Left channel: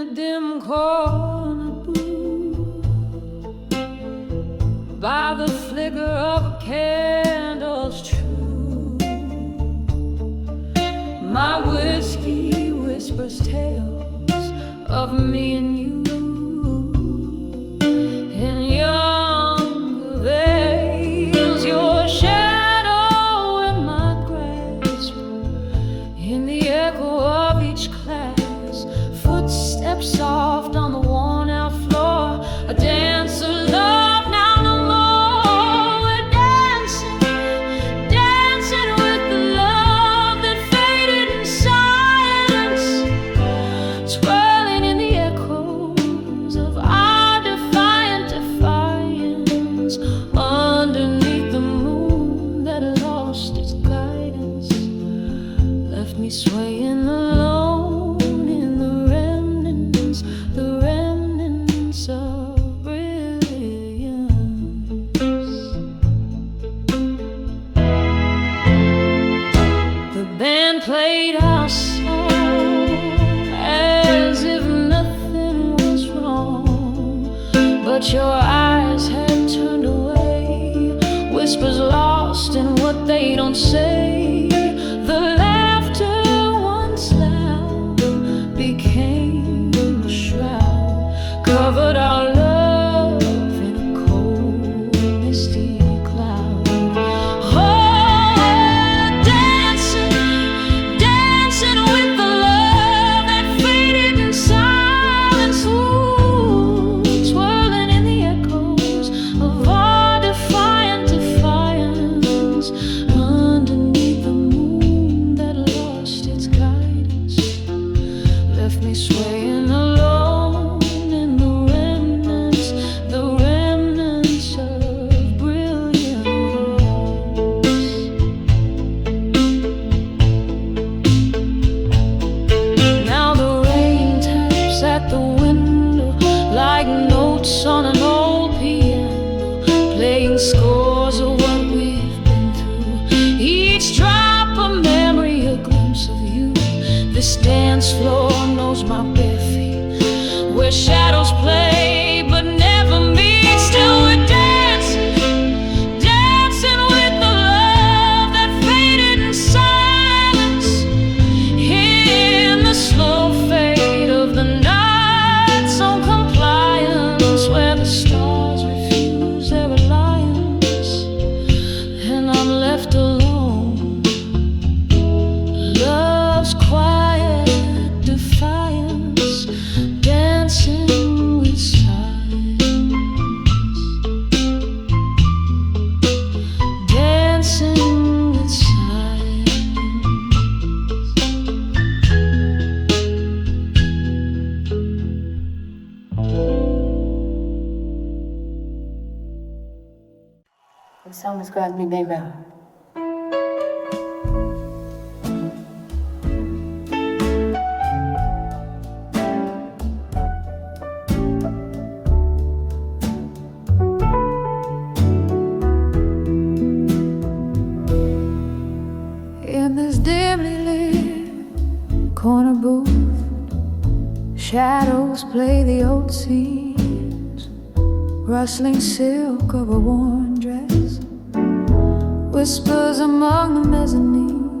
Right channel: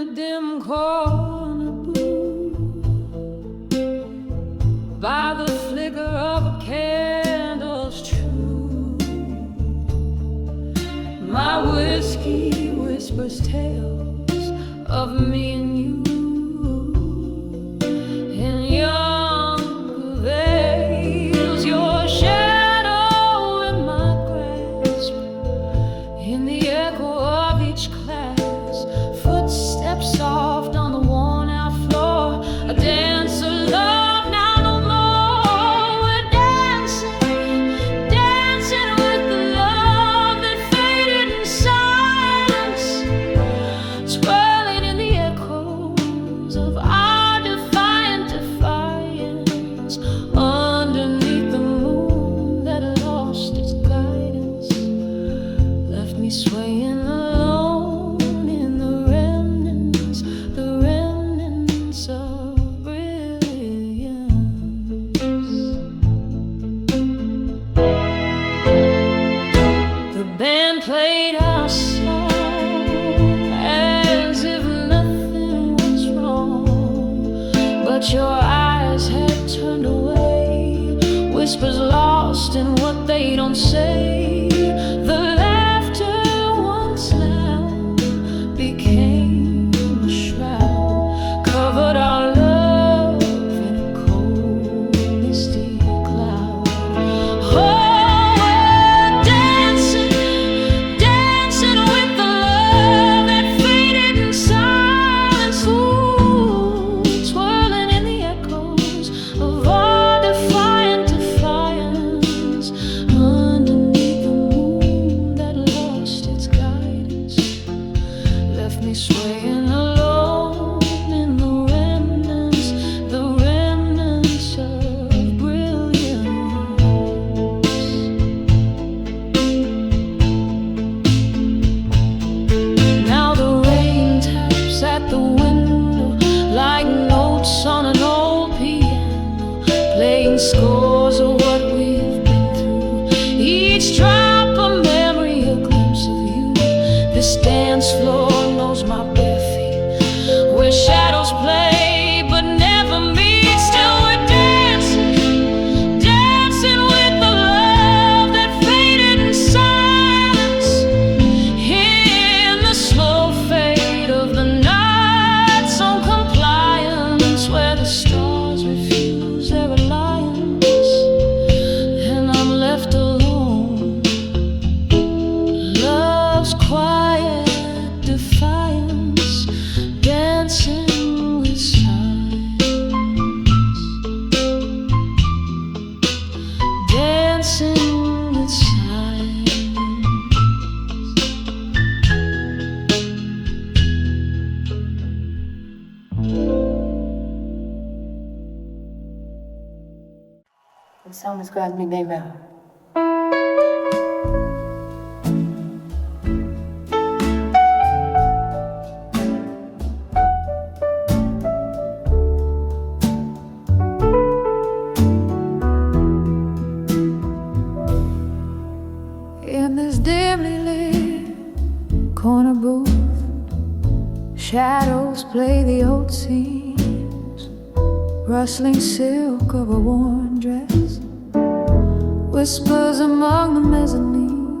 the dim corner booth, by the flicker of a candle's true, my whiskey whispers tales of me and you. In younger veils, your shadow in my grasp, in the echo of each class, footsteps soft on the worn-out floor, a dance of love now no more. We're dancing, dancing with the love that faded in silence, swirling in the echoes of our defiant defiance, underneath the moon that lost its guidance, left me swaying alone in the remnants of brilliance. The band played our song as if nothing was wrong, but your eyes had turned away, whispers lost in what they don't say. The laughter once loud became a shroud, covered our love in a cold, misty cloud. Oh, we're dancing, dancing with the love that faded in silence, ooh, twirling in the echoes of our defiant defiance, underneath the moon that lost its guidance, left me swaying alone in the remnants of brilliance. Now the rain taps at the window like notes on an old piano, playing scores of what we've been through, each drop a memory, a glimpse of you. This dance floor knows my bare feet, where shadows play but never meet. Still we're dancing, dancing with the love that faded in silence, in the slow fade of the night's own compliance, where the stars refuse their alliance and I'm left alone. Love's quiet defiance, dancing with silence, dancing with silence. The song describes me, baby. In this dimly lit corner booth, shadows play the old scenes, rustling silk of a worn dress, whispers among the mezzanine,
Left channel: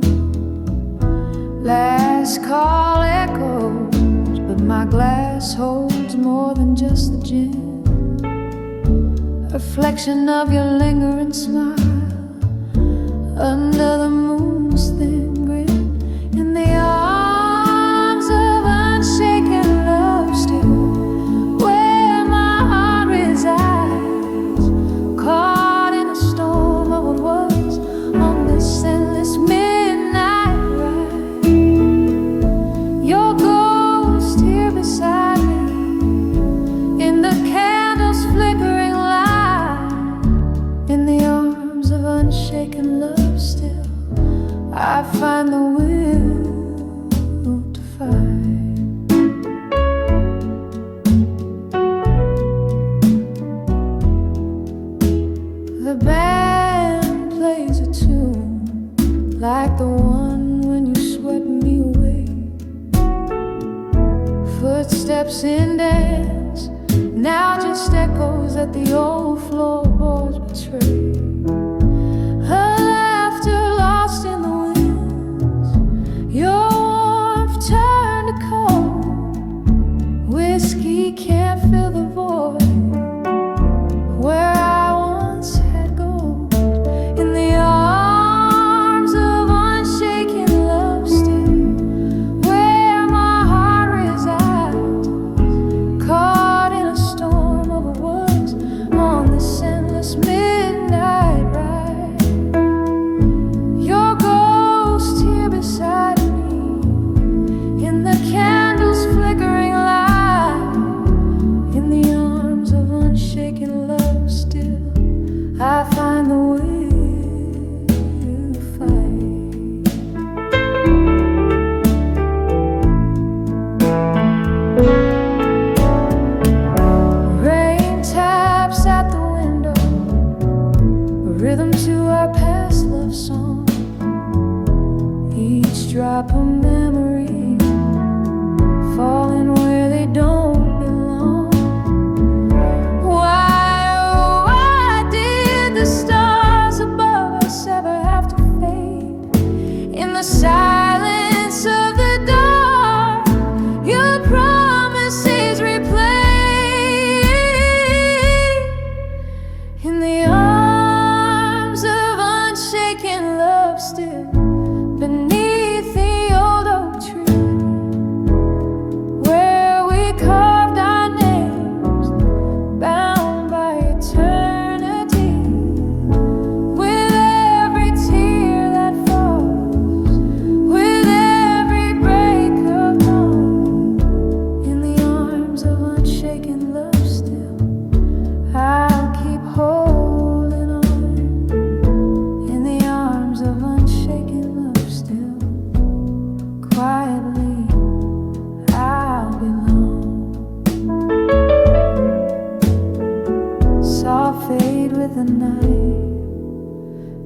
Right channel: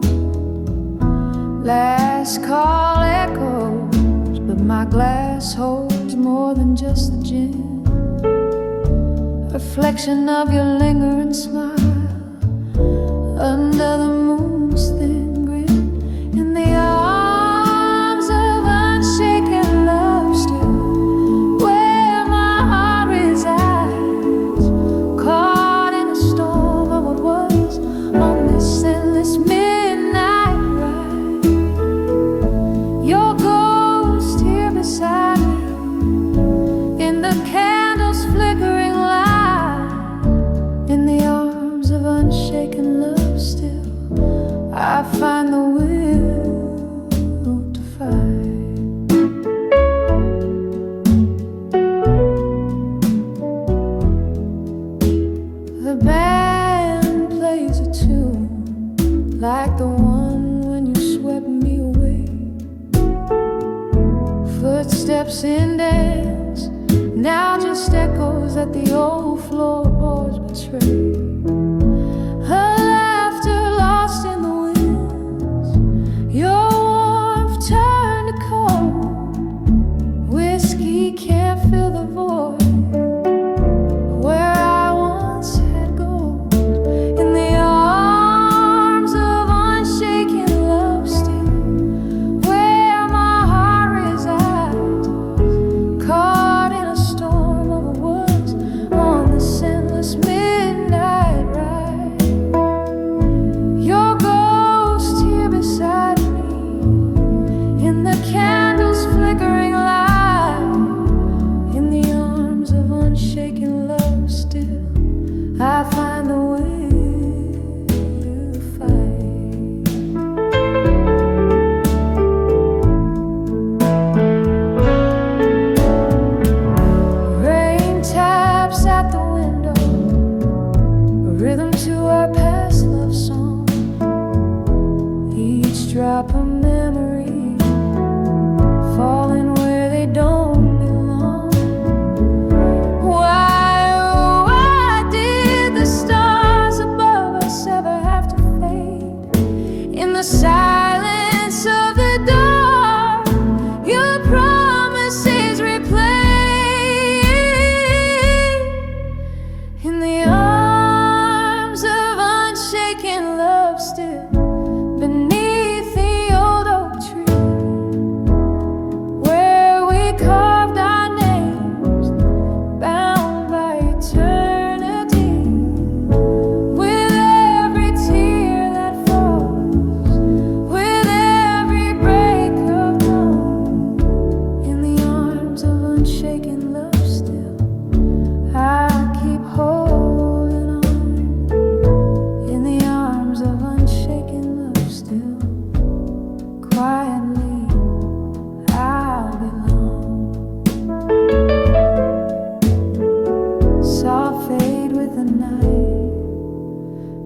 last call echoes, but my glass holds more than just the gin, reflection of your lingering smile under the moon's thin grin, in the arms of unshaken love, still where my heart resides, caught in a storm of what was on this endless midnight ride. Your ghost here beside me, in the candle's flickering light, in the arms of unshaken love, still I find the will to fight. The band plays a tune like the one when you swept me away, Footsteps in dance, now just echoes that the old floorboards betray. Her laughter lost in the winds, your warmth turned to cold. Whiskey can't fill the void where I once had gold. In the arms of unshaken love still, where my heart resides, caught in a storm of words on this endless midnight ride. Your ghost here beside me, in the candle's flickering light, in the arms of unshaken love still, I find the will to fight. Rain taps at the window, a rhythm to our past love song, each drop a memory falling where they don't belong. Why, oh, why did the stars above us ever have to fade? In the silence of the dark, your promises replay. In the arms of unshaken love still, beneath the old oak tree, where we carved our names, bound by eternity. With every tear that falls, with every break of dawn, in the arms of unshaken love still, I'll keep holding on. In the arms of unshaken love still, quietly I'll belong. Soft fade with the night,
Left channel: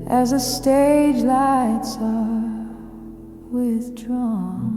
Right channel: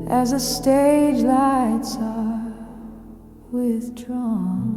as the stage lights are withdrawn.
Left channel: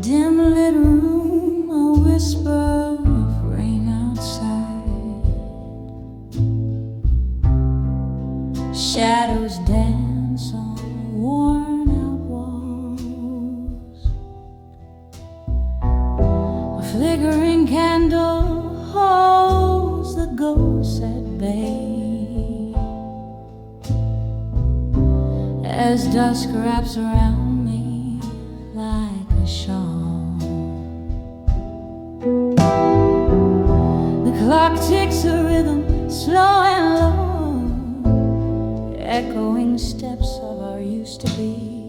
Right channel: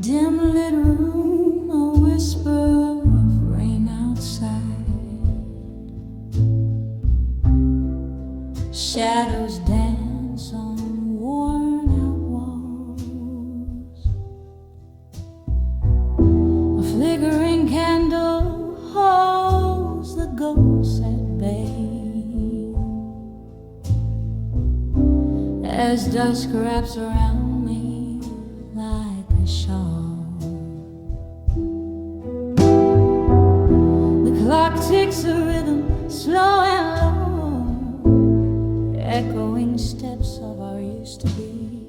Dim lit room, a whisper of rain outside. Shadows dance on worn out walls. A flickering candle holds the ghosts at bay, as dusk wraps around me like a shawl. The clock ticks a rhythm, slow and low, echoing steps of our used to be,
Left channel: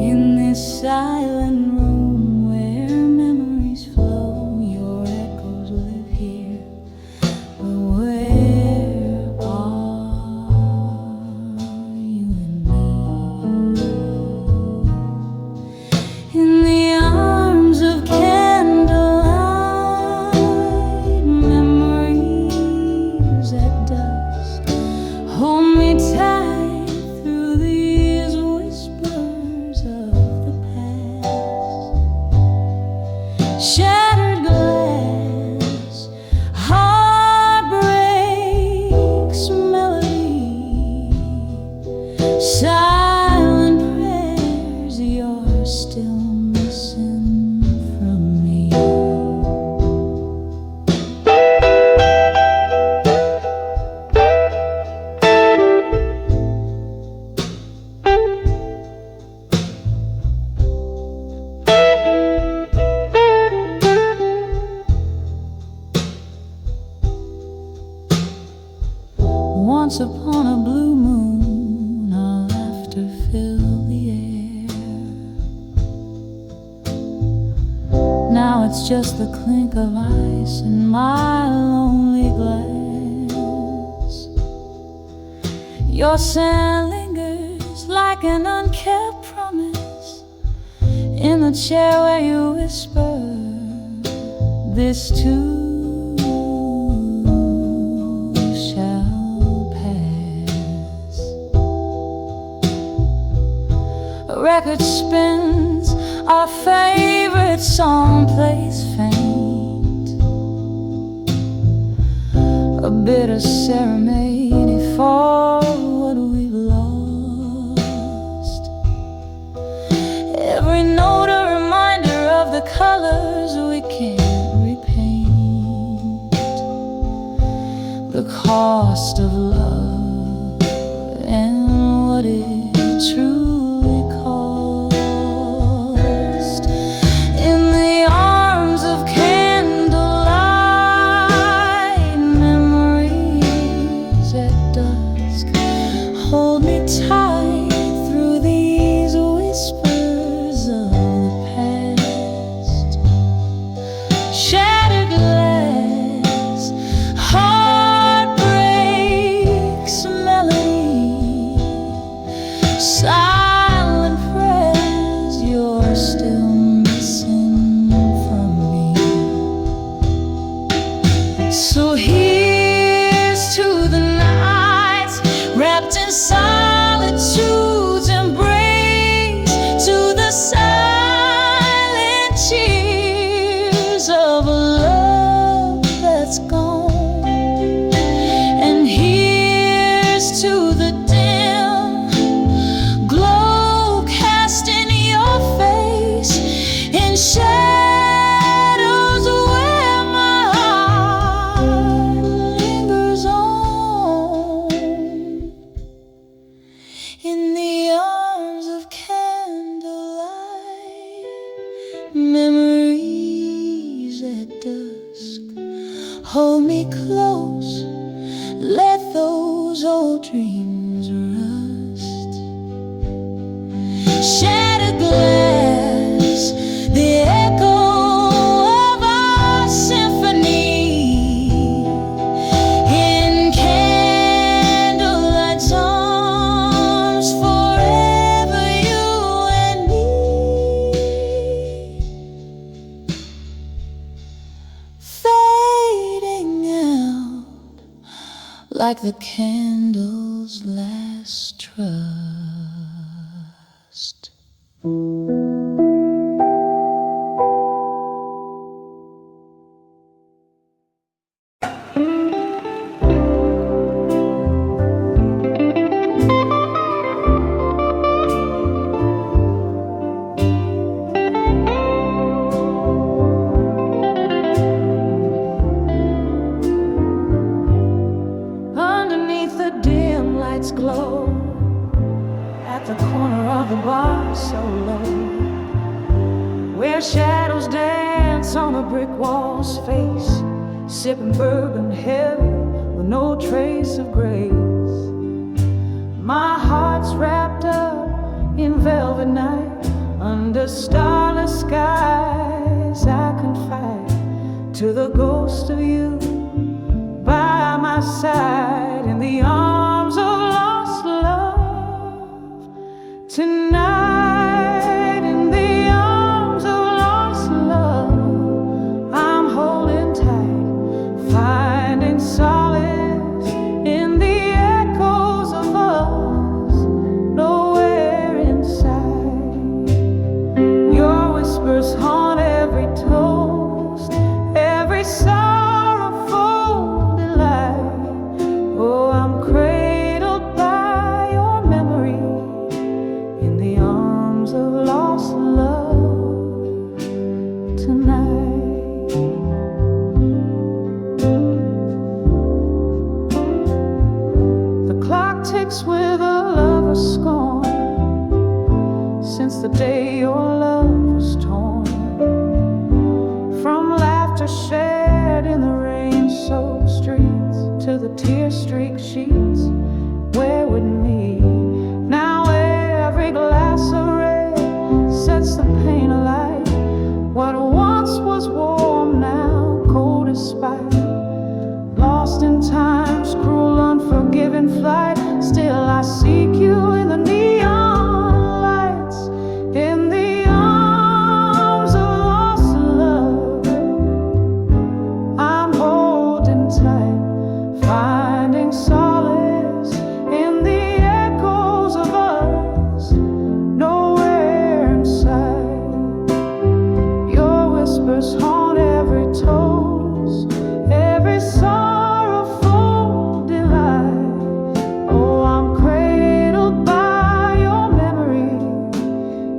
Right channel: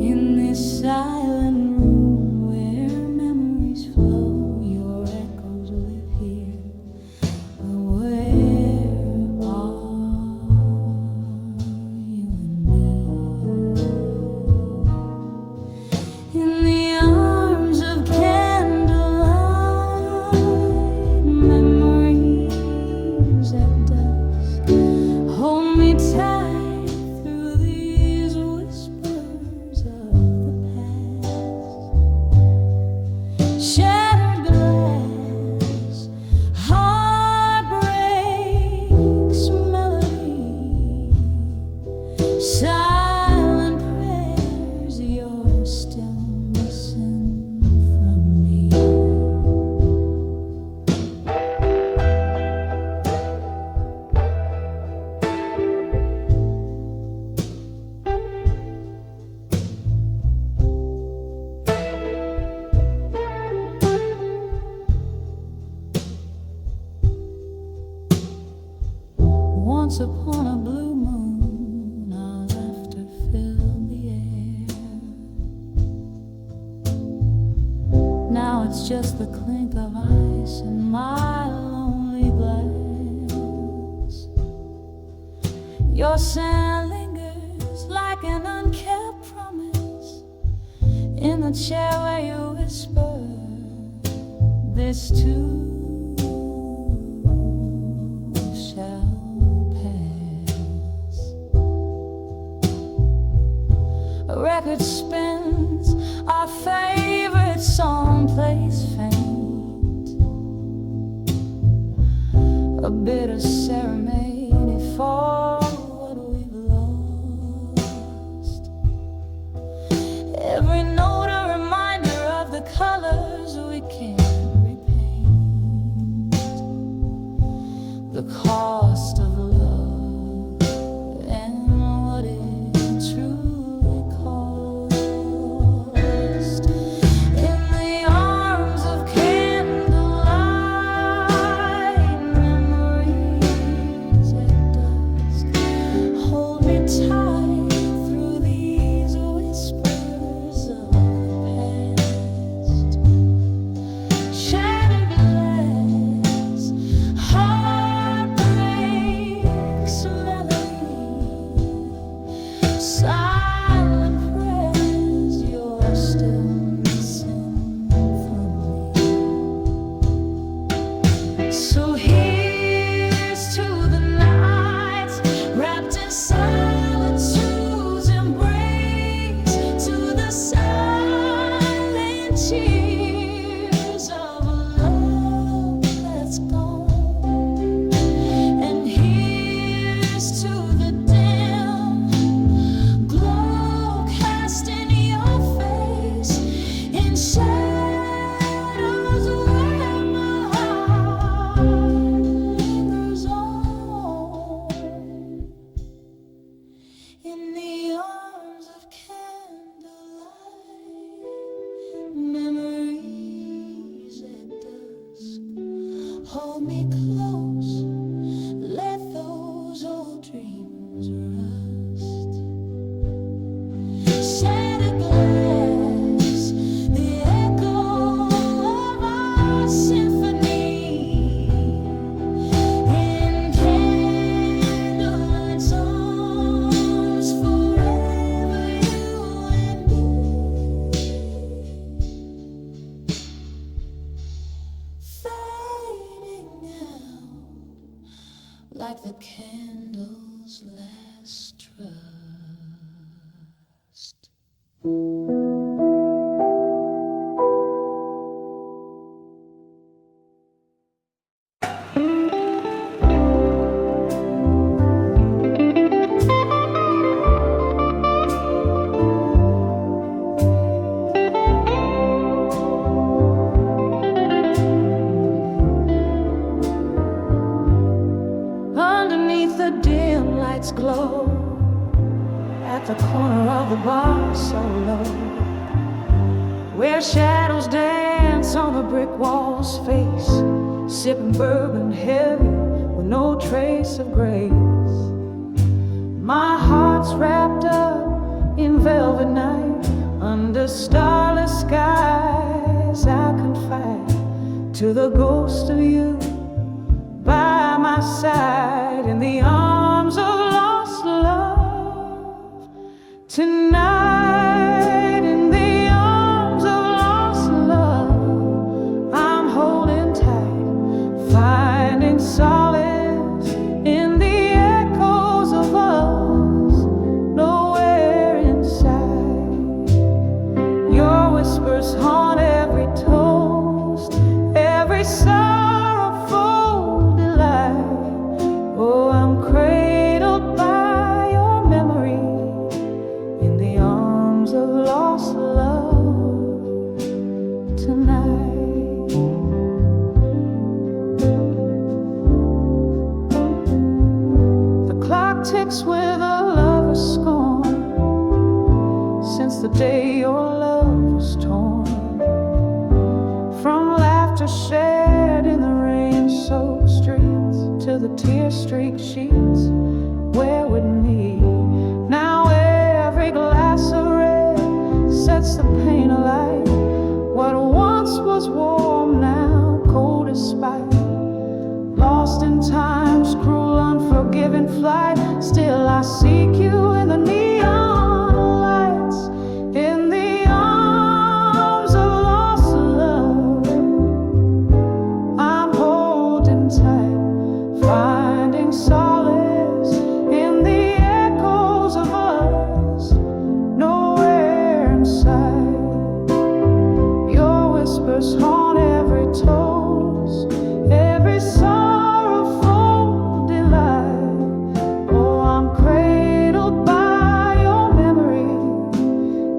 in this silent room where memories flow. Your echoes live here, but where are you and me? In the arms of candlelight, memories at dusk hold me tight through these whispers of the past. Shattered glass, heartbreaks, melody, silent prayers you're still missing from me. Once upon a blue moon, our laughter filled the air. Now it's just the clink of ice in my lonely glass. Your sand lingers like an unkept promise in the chair where you whisper, this too shall pass. A record spins, our favorite song plays faint, a bitter ceremony for what we've lost. Every note a reminder of the colors we can't repaint, the cost of love and what it truly cost. In the arms of candlelight, memories at dusk hold me tight through these whispers of the past. Shattered glass, heartbreaks, melody, silent prayers you're still missing from me. So here's to the nights wrapped in solitude's embrace, to the silent cheers of a love that's gone. And here's to the dim glow cast in your face, in shadows where my heart lingers on. In the arms of candlelight, memories at dusk hold me close, let those old dreams rust. Shattered glass, the echo of our symphony, in candlelight's arms, forever you and me. Fading out like the candle's last trust. Underneath the dim lights glow, at the corner of the bar so low, where shadows dance on the brick wall's face, sipping bourbon heavy with no trace of grace. My heart's wrapped up in velvet night, under starless skies I confide to the ghost of you by my side, in the arms of lost love tonight. In the arms of lost love I'm holding tight, finding solace in the echoes of us nowhere inside. Your whispers haunt every toast, every sorrowful delight. Oh, I'm cradled by your memory in the arms of lost love tonight. The clock ticks with a lover's scorn, since the day your love was torn from laughter shared in the rain-soaked streets to the tear-streaked sheets where with me. Now every glass of red sets the pain alight. What once was flight. Still I seek you in the neon lights, in the arms of lost love. I'm holding tight, finding solace in the echoes of us, nowhere in sight. Your whispers haunt every toast, every sorrowful delight. Oh, I'm cradled by your memory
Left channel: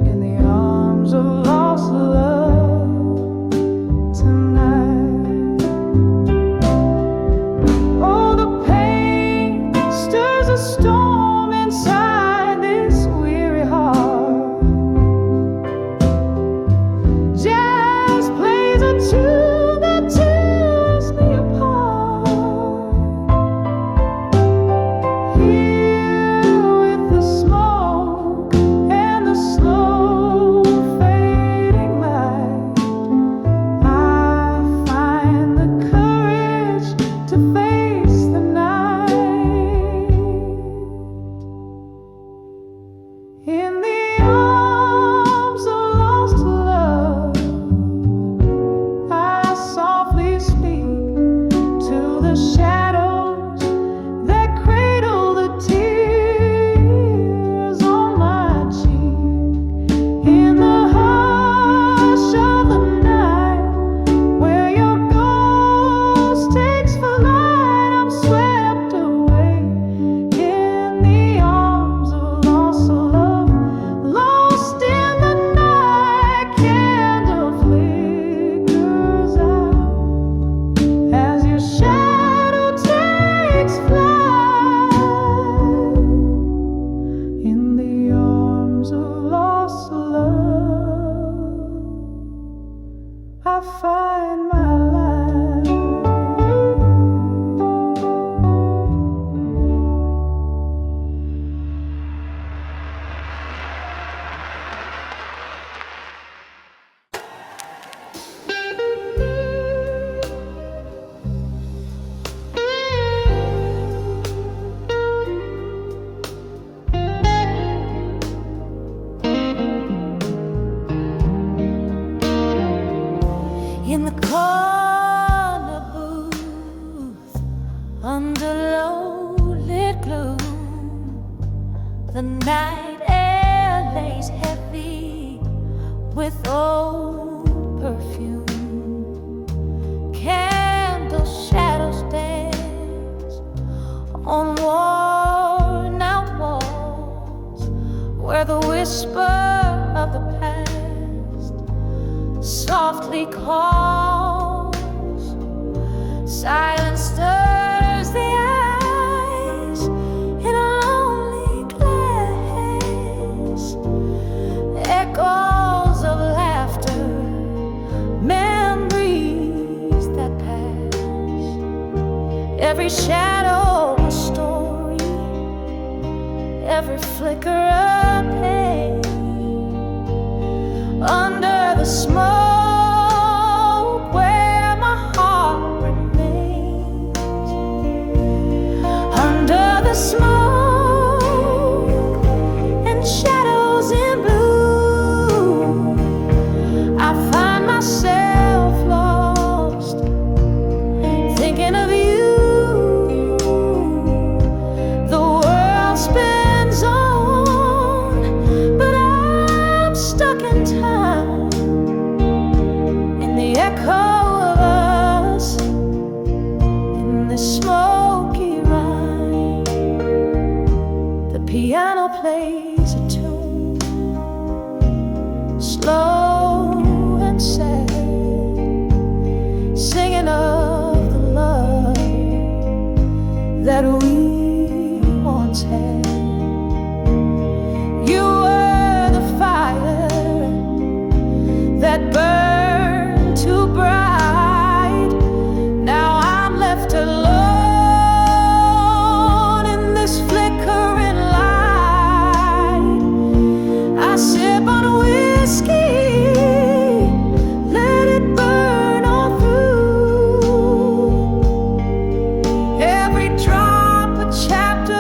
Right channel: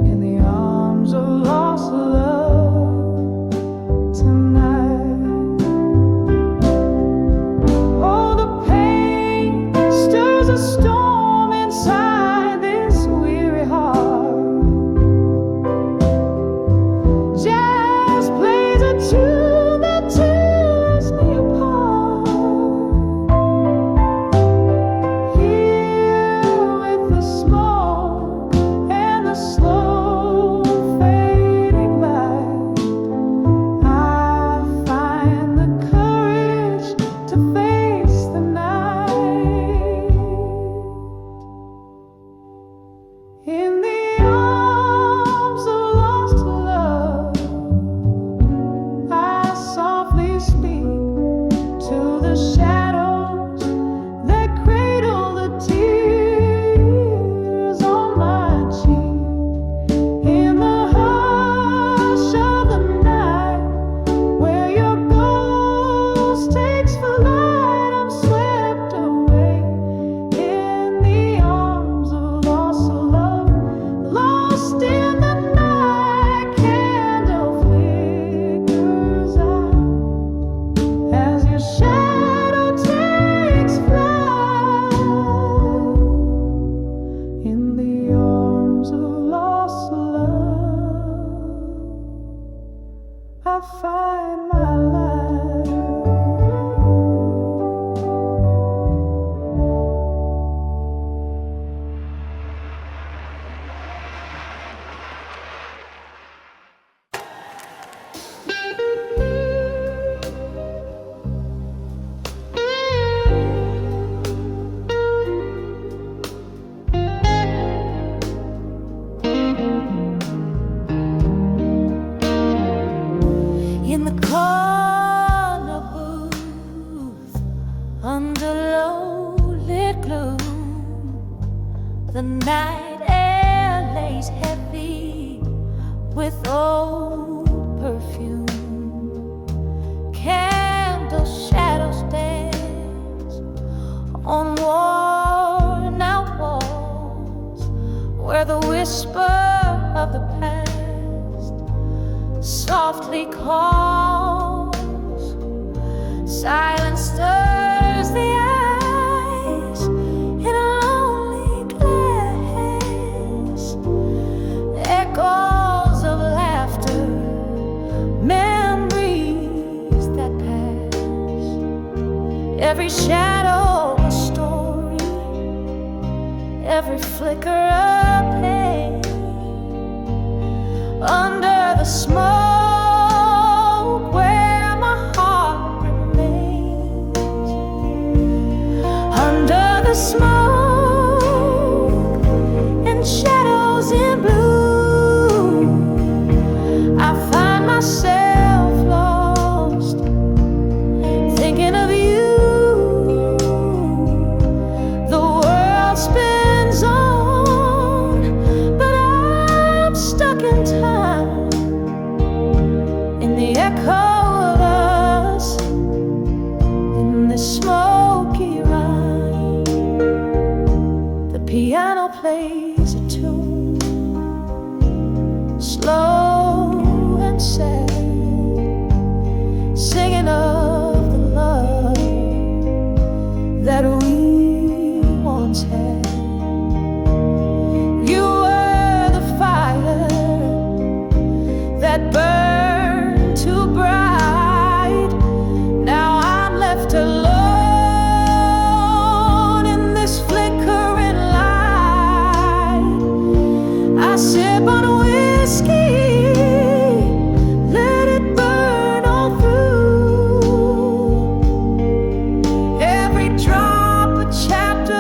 in the arms of lost love tonight. Oh, the pain stirs a storm inside this weary heart. Jazz plays a tune that tears me apart. Here with the smoke and the slow fading light, I find the courage to face the night. In the arms of lost love, I softly speak to the shadows that cradle the tears on my cheek. In the hush of the night, where your ghost takes flight, I'm swept away in the arms of lost love. Lost in the night, candle flickers out as your shadow takes flight. In the arms of lost love, I find my life. In the corner booth, under low-lit gloom, the night air lays heavy with old perfume. Candle shadows dance on worn-out walls, where the whisper of the past softly calls. Silence stirs the eyes in a lonely glass. Echoes of laughter, memories that pass. Every shadow a story, every flicker a pain. Under the smoke where my heart remains. Under the smoke and shadows in blue, I find myself lost, thinking of you. The world spins on, but I'm stuck in time, in the echo of us, in this smoky rhyme. The piano plays a tune, slow and sad, singing of the love that we once had. You were the fire that burned too bright. Now I'm left alone in this flickering light. I sip on whiskey, let it burn all through. Every drop a chapter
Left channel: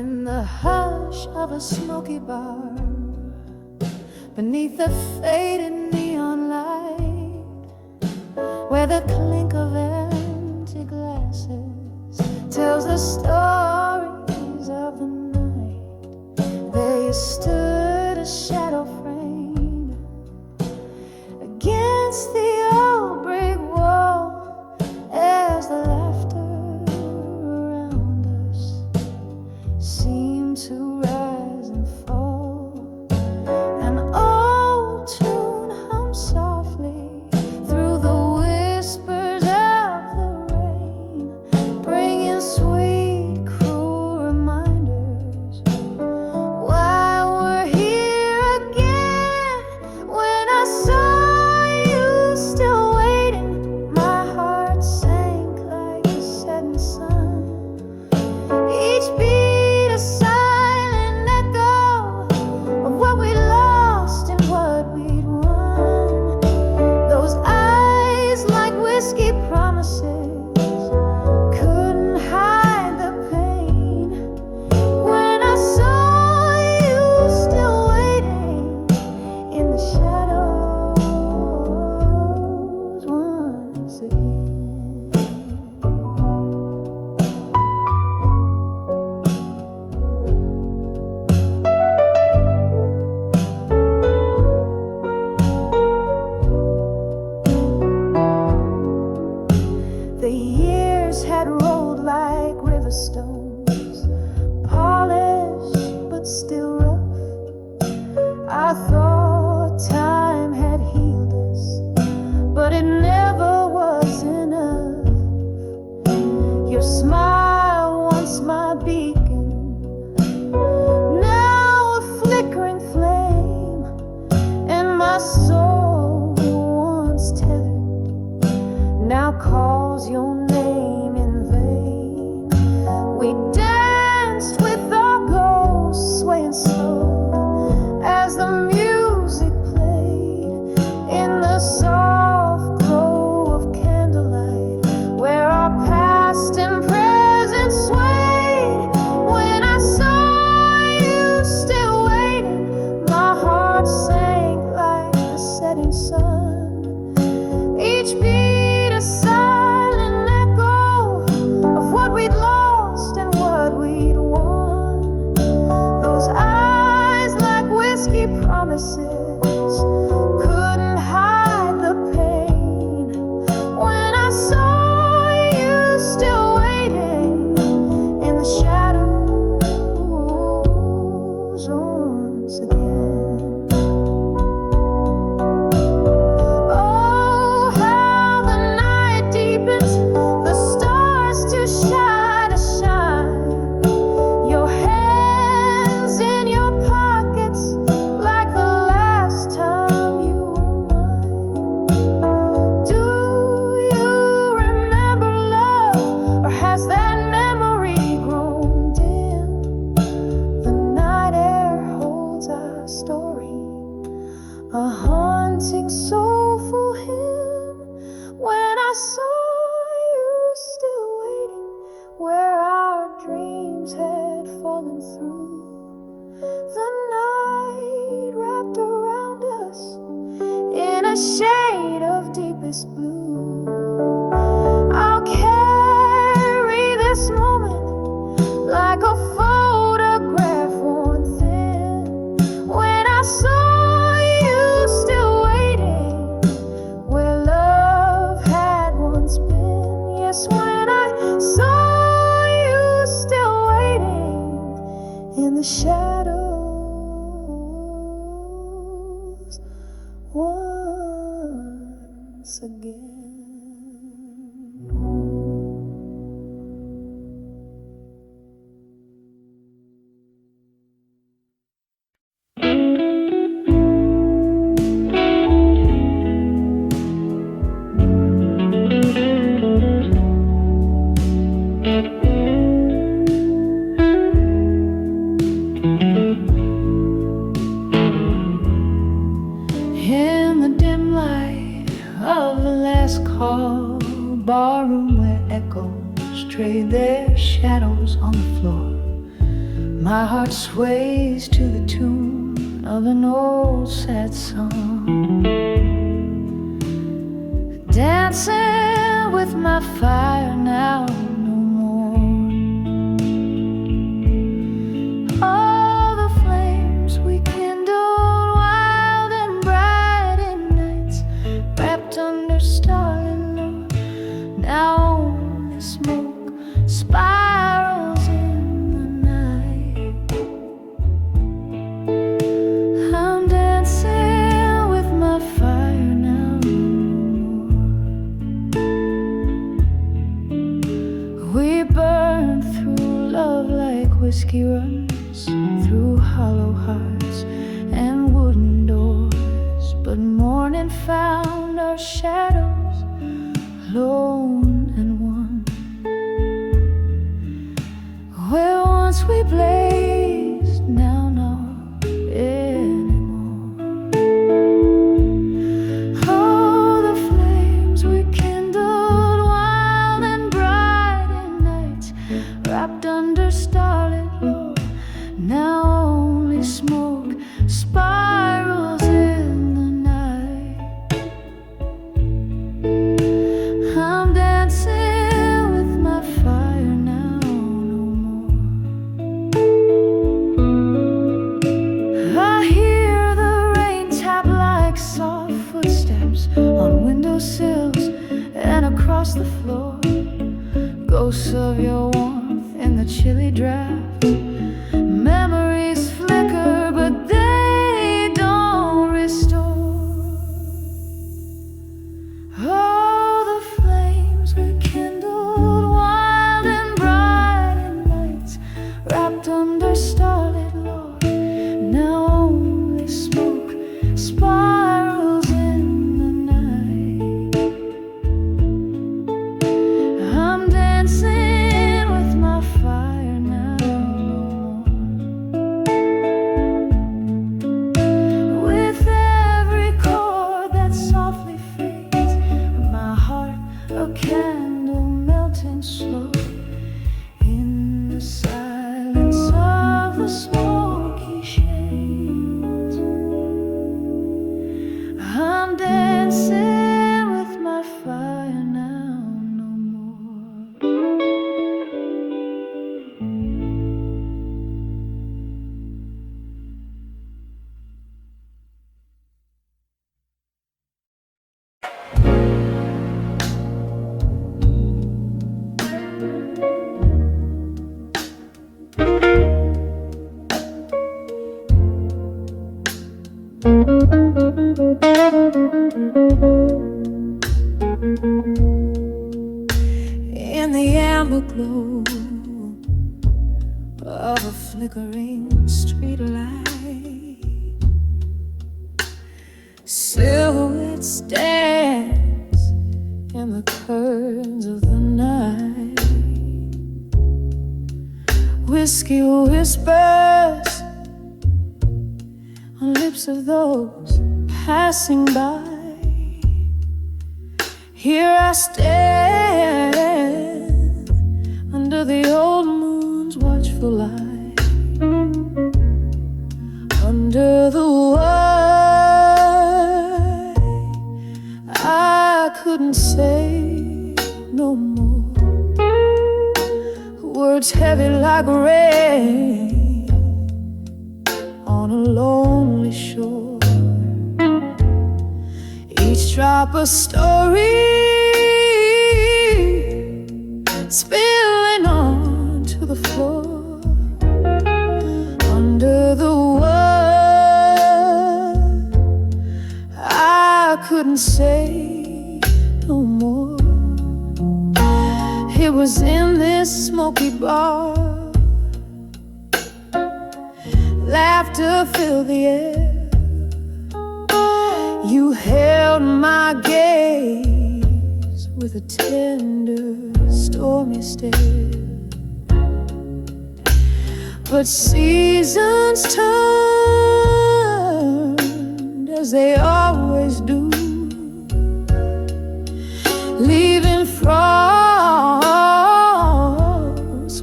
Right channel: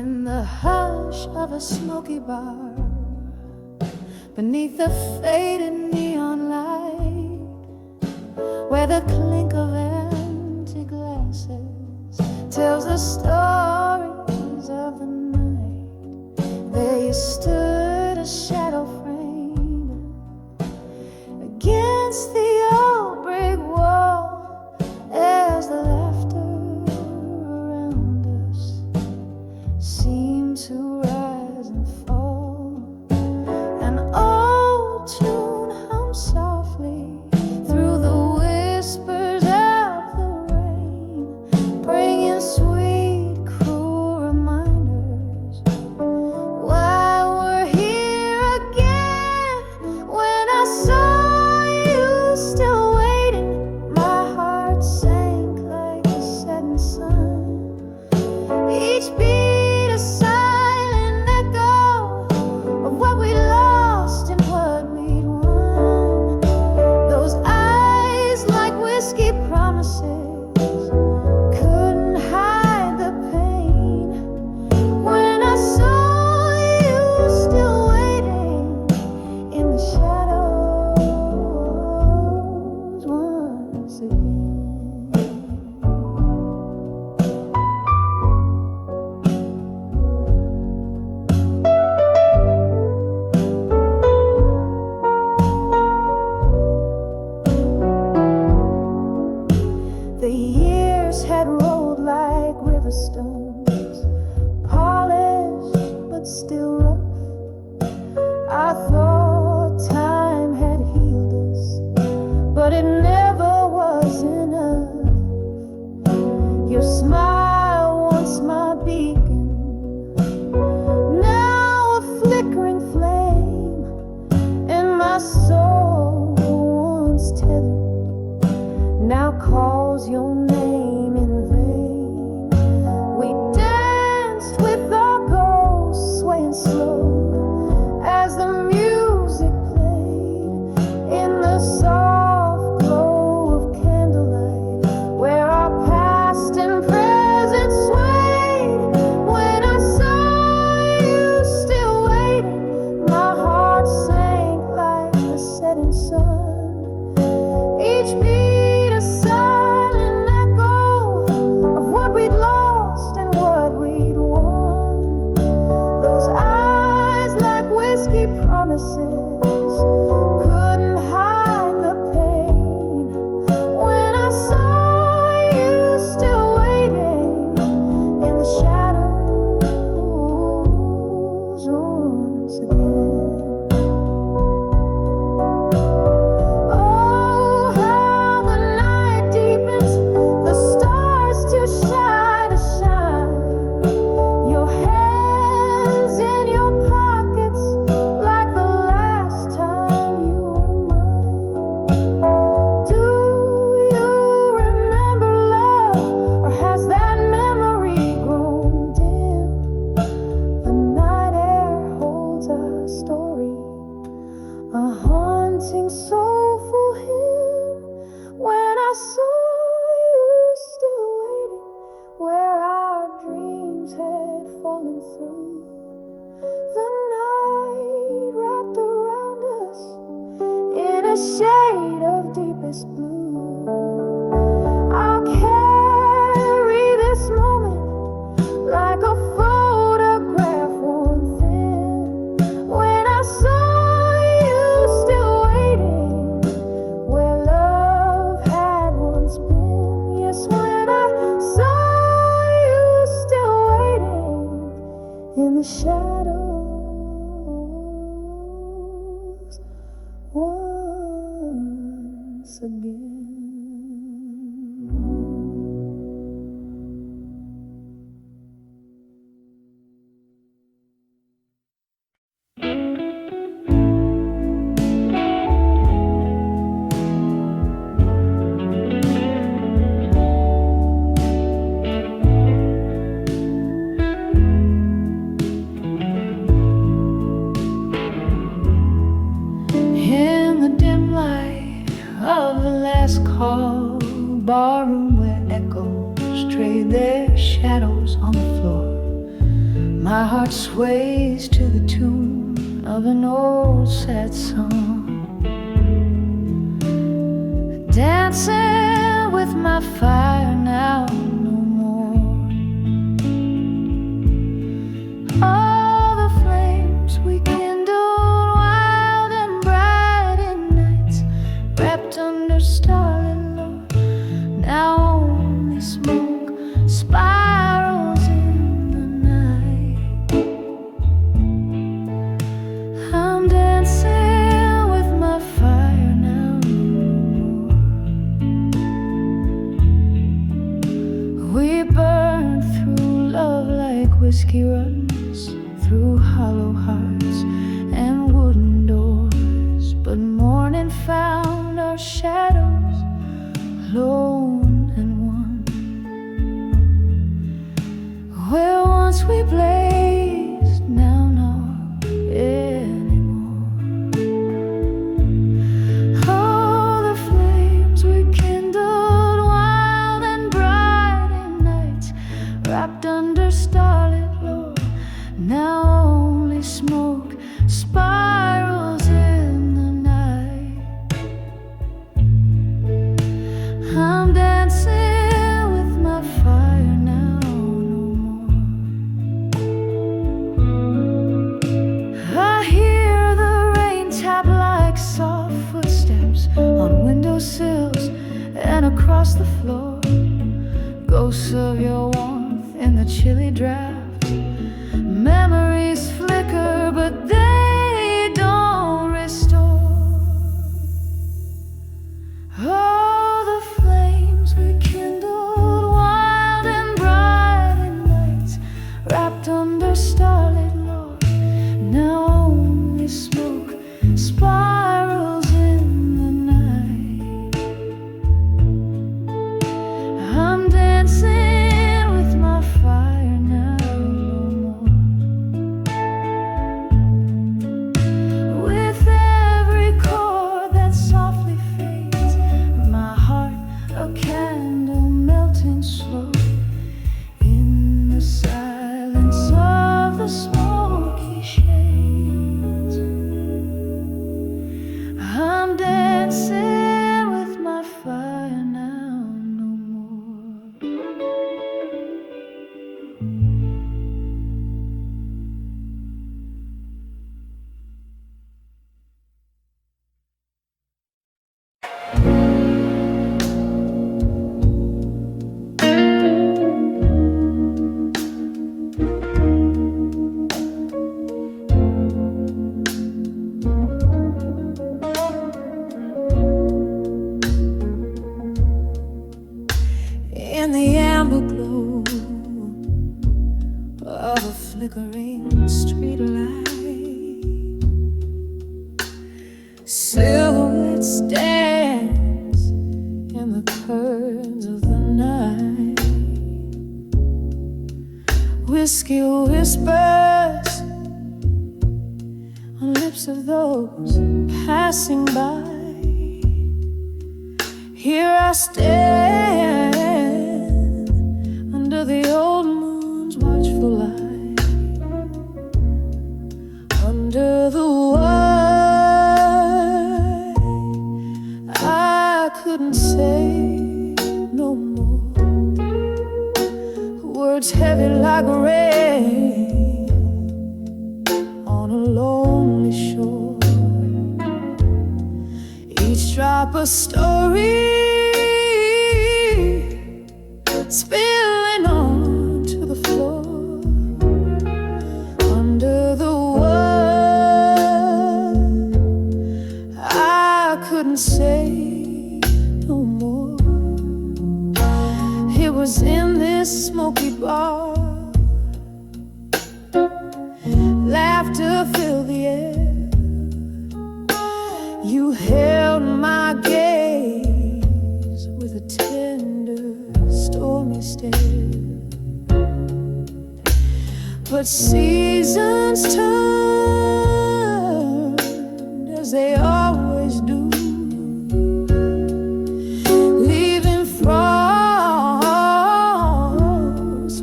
In the hush of a smoky bar, beneath the faded neon light, where the clink of empty glasses tells the stories of the night, there you stood, a shadow framed against the old brick wall, as the laughter around us seemed to rise and fall. An old tune hummed softly through the whispers of the rain, bringing sweet, cruel reminders why we're here again. When I saw you still waiting, my heart sank like the setting sun. Each beat a silent echo of what we lost and what we'd won. Those eyes like whiskey promises couldn't hide the pain. When I saw you still waiting in the shadows once again. The years had rolled like river stones, polished but still rough. I thought time had healed us, but it never was enough. Your smile, once my beacon, now a flickering flame, and my soul, once tethered, now calls your name in vain. We danced with our ghosts, swaying slow as the music played in the soft glow of candlelight, where our past and present swayed. When I saw you still waiting, my heart sank like the setting sun. Each beat a silent echo of what we'd lost and what we'd won. Those eyes like whiskey promises couldn't hide the pain. When I saw you still waiting in the shadows once again. Shine, your hands in your pockets like the last time you were mine. Do you remember love, or has that memory grown dim? The night air holds our story, a haunting, soulful hymn. When I saw you still waiting, where our dreams had fallen through, the night wrapped around us in a shade of deepest blue. I'll carry this moment like a photograph worn thin. When I saw you still waiting, where love had once been. Yes, when I saw in the shadows once again. In the dim light of the last call, barroom where echoes trade their shadows on the floor, My heart sways to the tune of an old sad song, dancing with my fire now no more. All the flames we kindled wild and bright in nights, wrapped under starlit love, now only smoke spirals in the night. I'm dancing with my fire now no more. We burned through love like whiskey runs through hollow hearts and wooden doors, but morning found our shadows alone and one. Where once we blazed, now not anymore. Oh, the flames we kindled wild and bright in nights, wrapped under starlit glow, now only smoke spirals in the night. I'm dancing with my fire now no more. I hear the rain tap like soft footsteps on windowsills and across the floor, ghosts of your warmth in the chilly draft. Memories flicker, but they don't restore. Oh, the flames we kindled wild and bright in nights, wrapped under starlit glow, now only smoke spirals in the night. I'm dancing with my fire now no more. With every chord that softly fades, my heart a candle melting slow in the silence of the smoky shades. I'm dancing with my fire now no more. In the amber glow of a flickering street light, silhouettes dance in the curves of the night. Whiskey whispers on lips of those passing by. Here I stand under the old moon's watchful light, under the why I couldn't say no more. Words heavy like rain on a lonely shore, each drop a story spilling onto the floor. Under the word I couldn't say no more. It was in this smoky bar, laughter filled the air. You held my gaze with a tender, stormy stare. But seasons turned as they always do, leaving frost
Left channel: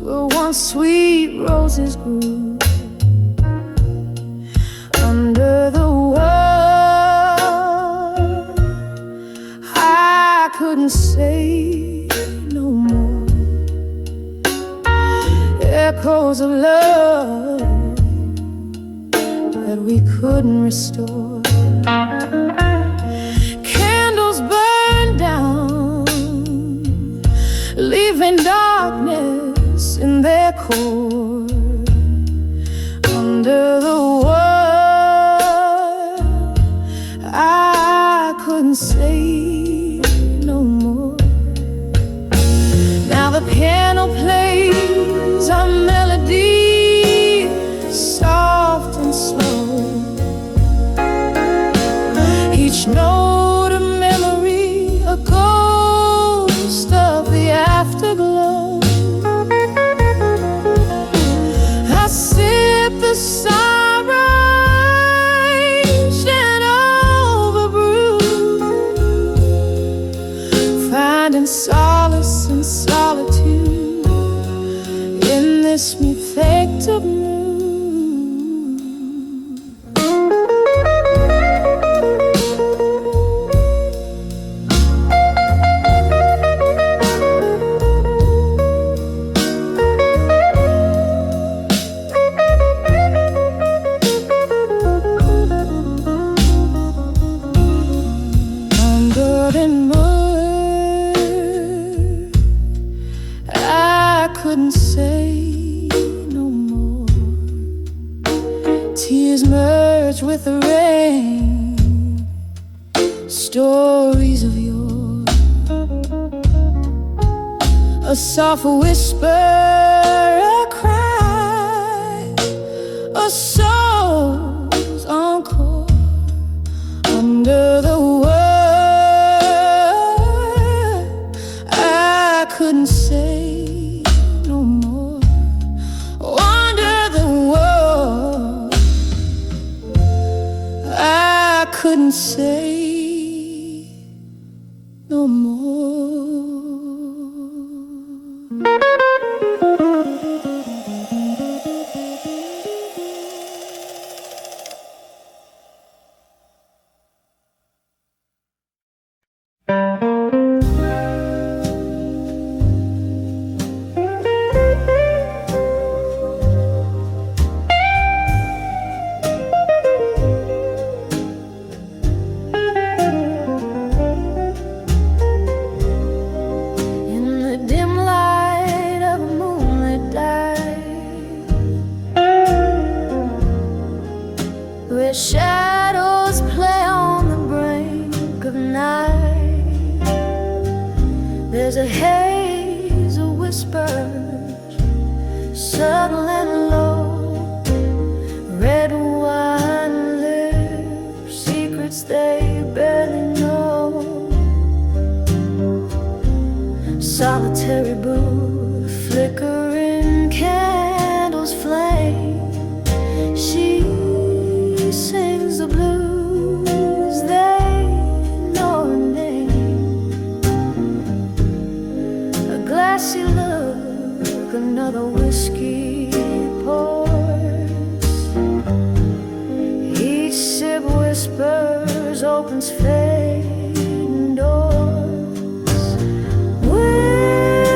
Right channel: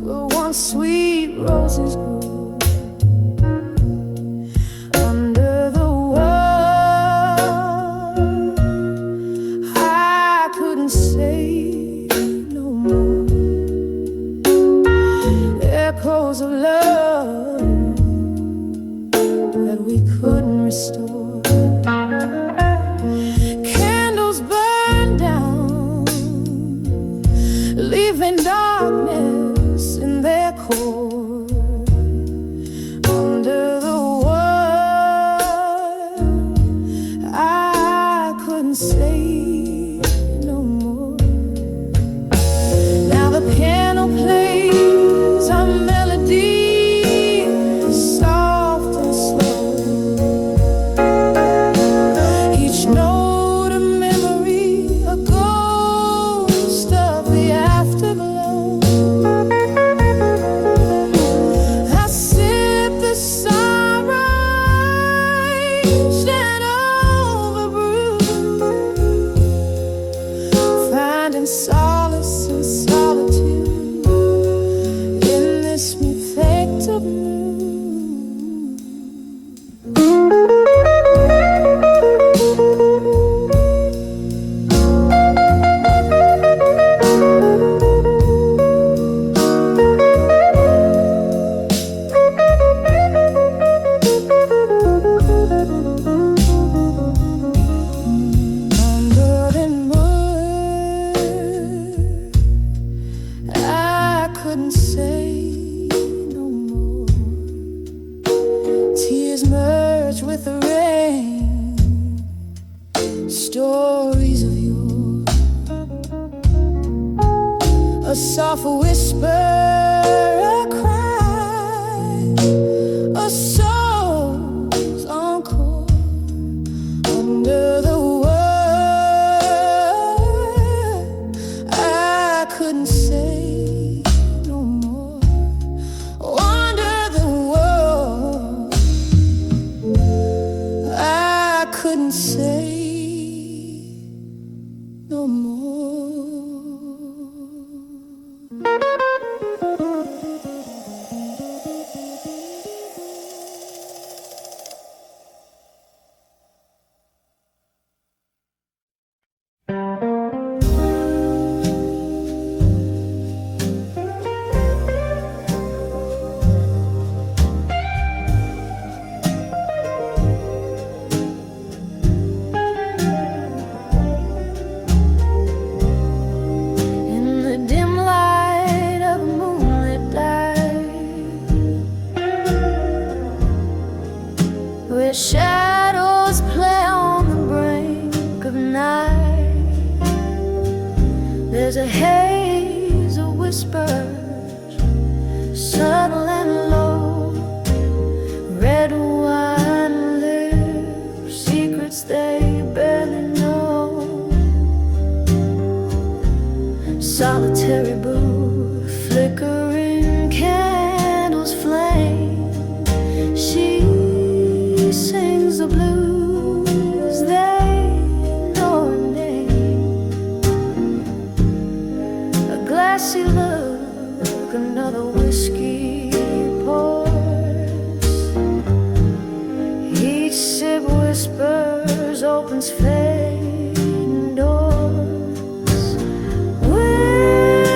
where once sweet roses grew. echoes of love that we couldn't restore. Candles burn down, leaving darkness in their core. Under the world, I couldn't say no more. Now the piano plays a melody, soft and slow. Each note a memory, a ghost of the afterglow. I sip the sunrise and overbrew, finding solace in solitude in this effective mood. Couldn't say no more. Tears merged with the rain, stories of yore. A soft whisper, a cry, a soul's encore. Under the world, I couldn't say no more. Under the world, I couldn't say no more. Dim light of a moonlit dive, where shadows play on the brink of night, there's a haze of whispers, subtle and low. Red wine lips, secrets they barely know. Solitary booth, flickering candles flame. She sings the blues, they know her name. A glassy look, another whiskey pours. Each sip whispers, opens fading doors.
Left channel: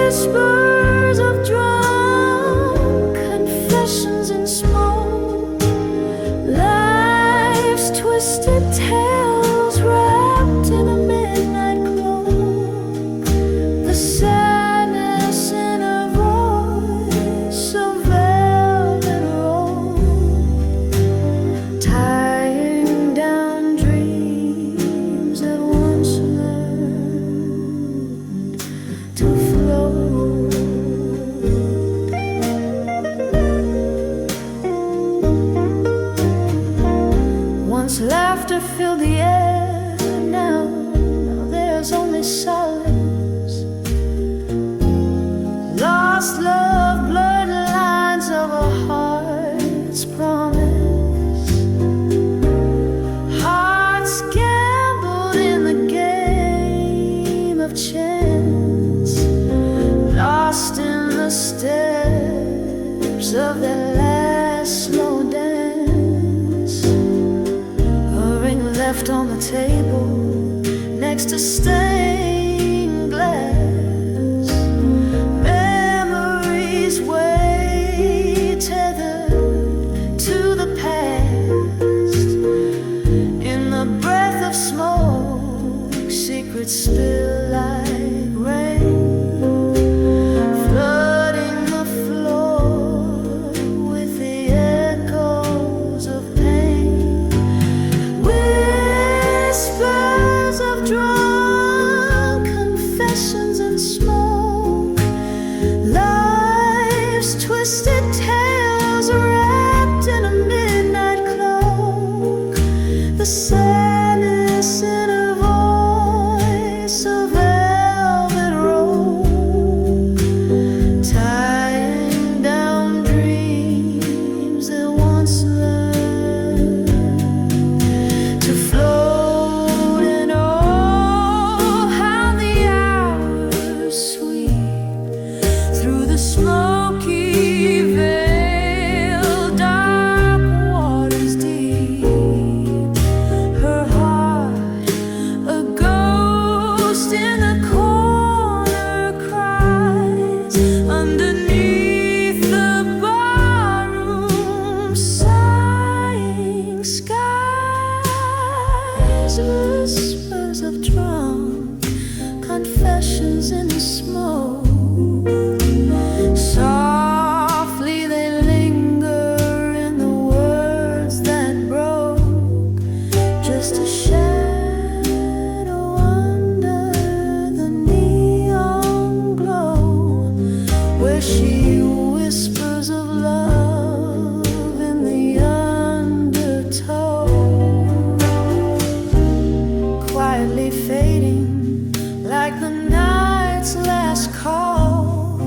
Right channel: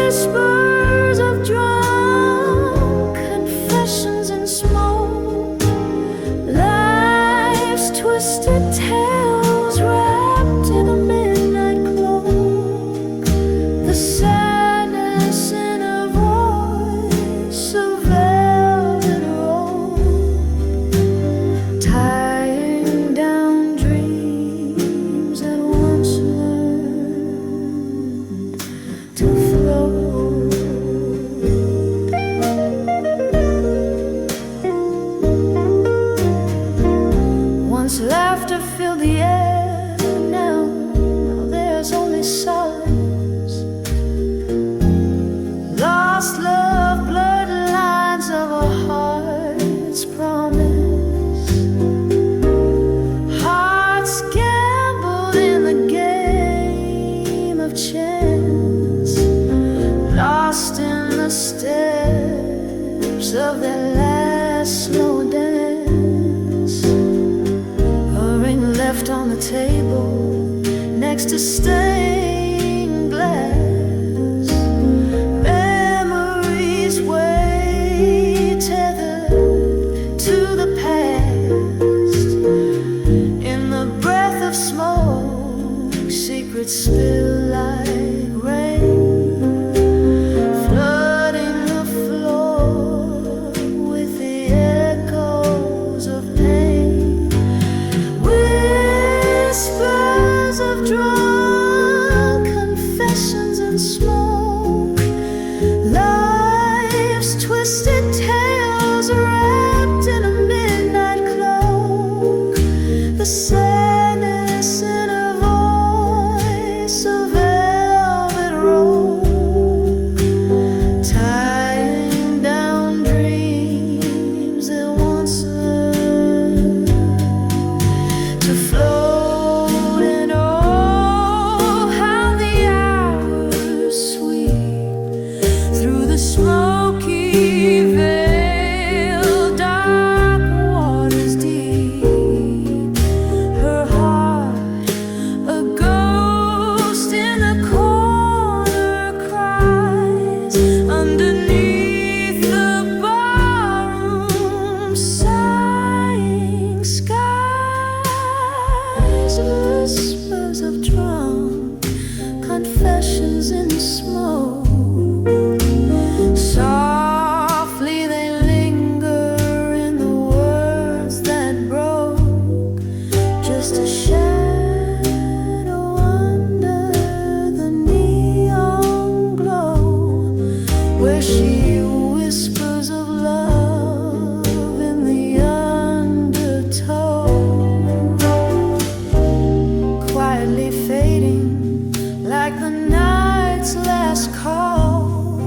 Whispers of drunk confessions in smoke, life's twisted tales wrapped in a midnight cloak. The sadness in her voice, a velvet rope, tying down dreams that once learned to float. Once laughter filled the air, now there's only silence. Lost love, blurred lines of a heart's promise. Hearts gambled in the game of chance, lost in the steps of their last slow dance. A ring left on the table next to stained glass. Memories wait tethered to the past. In the breath of smoke, secrets spill like rain, flooding the floor with the echoes of pain. Whispers of drunk confessions and smoke, life's twisted tales wrapped in a midnight cloak. The sadness in a voice, a velvet rope, tying down dreams that once learned to float. And oh, how the hours sweep through the smoky veil, dark waters deep. Her heart, a ghost in the corner, cries underneath the barroom sighing skies. Whispers of drunk confessions in smoke, softly they linger in the words that broke. Just a shadow under the neon glow, where she whispers of love in the undertow, quietly fading like the night's last call.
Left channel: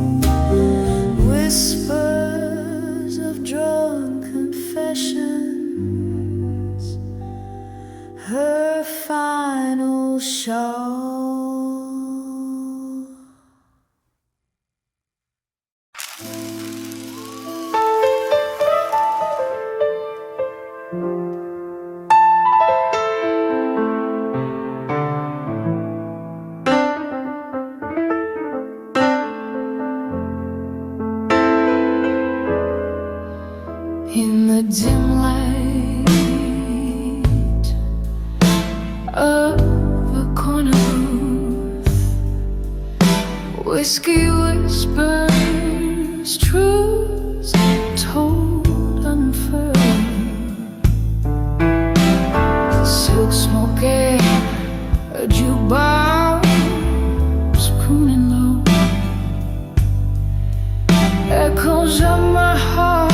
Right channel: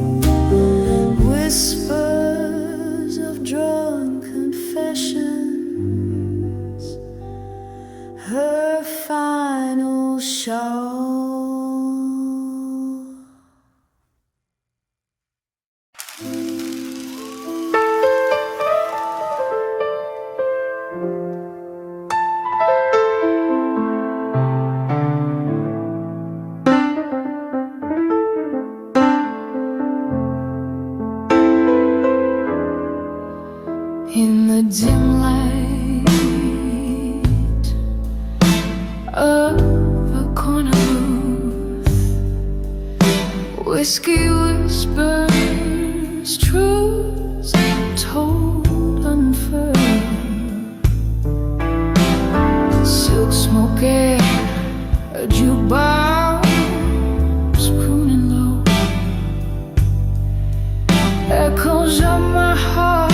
Whispers of drunk confessions, her final show. In the dim light of a corner booth, whiskey whispers, truths told unfurled. Silk smoke air, a jukebox crooning low, echoes of my heart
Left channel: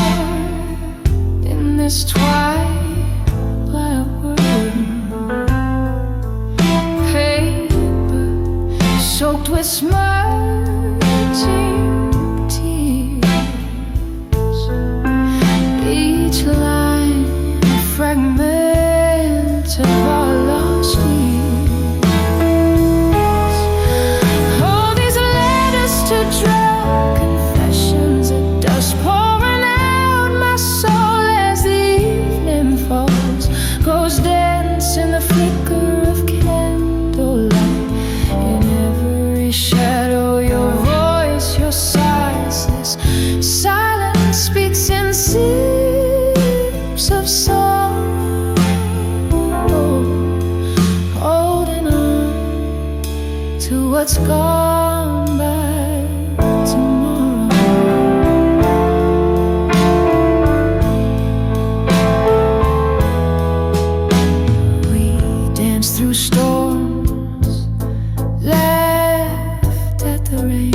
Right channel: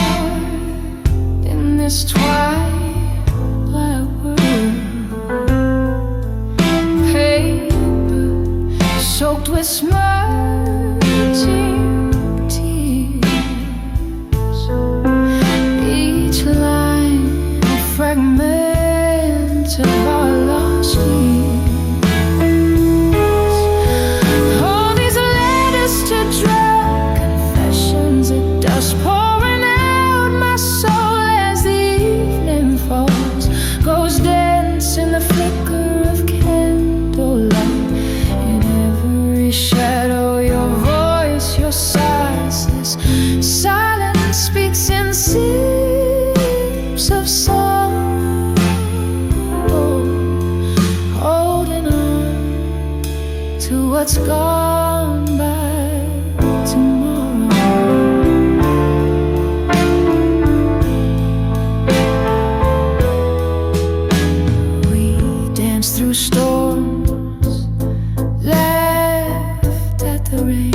in this twilight world. Paper soaked with smirching tears, each line a fragment of our lost years. All these letters to drunk confessions, a dust pouring out my soul as the evening falls, goes dense in the flicker of candlelight. In every shadow, your voice, your sighs, this silence speaks in sips of song, holding on to what's gone by tomorrow. Danced through storms, laughed at the rain,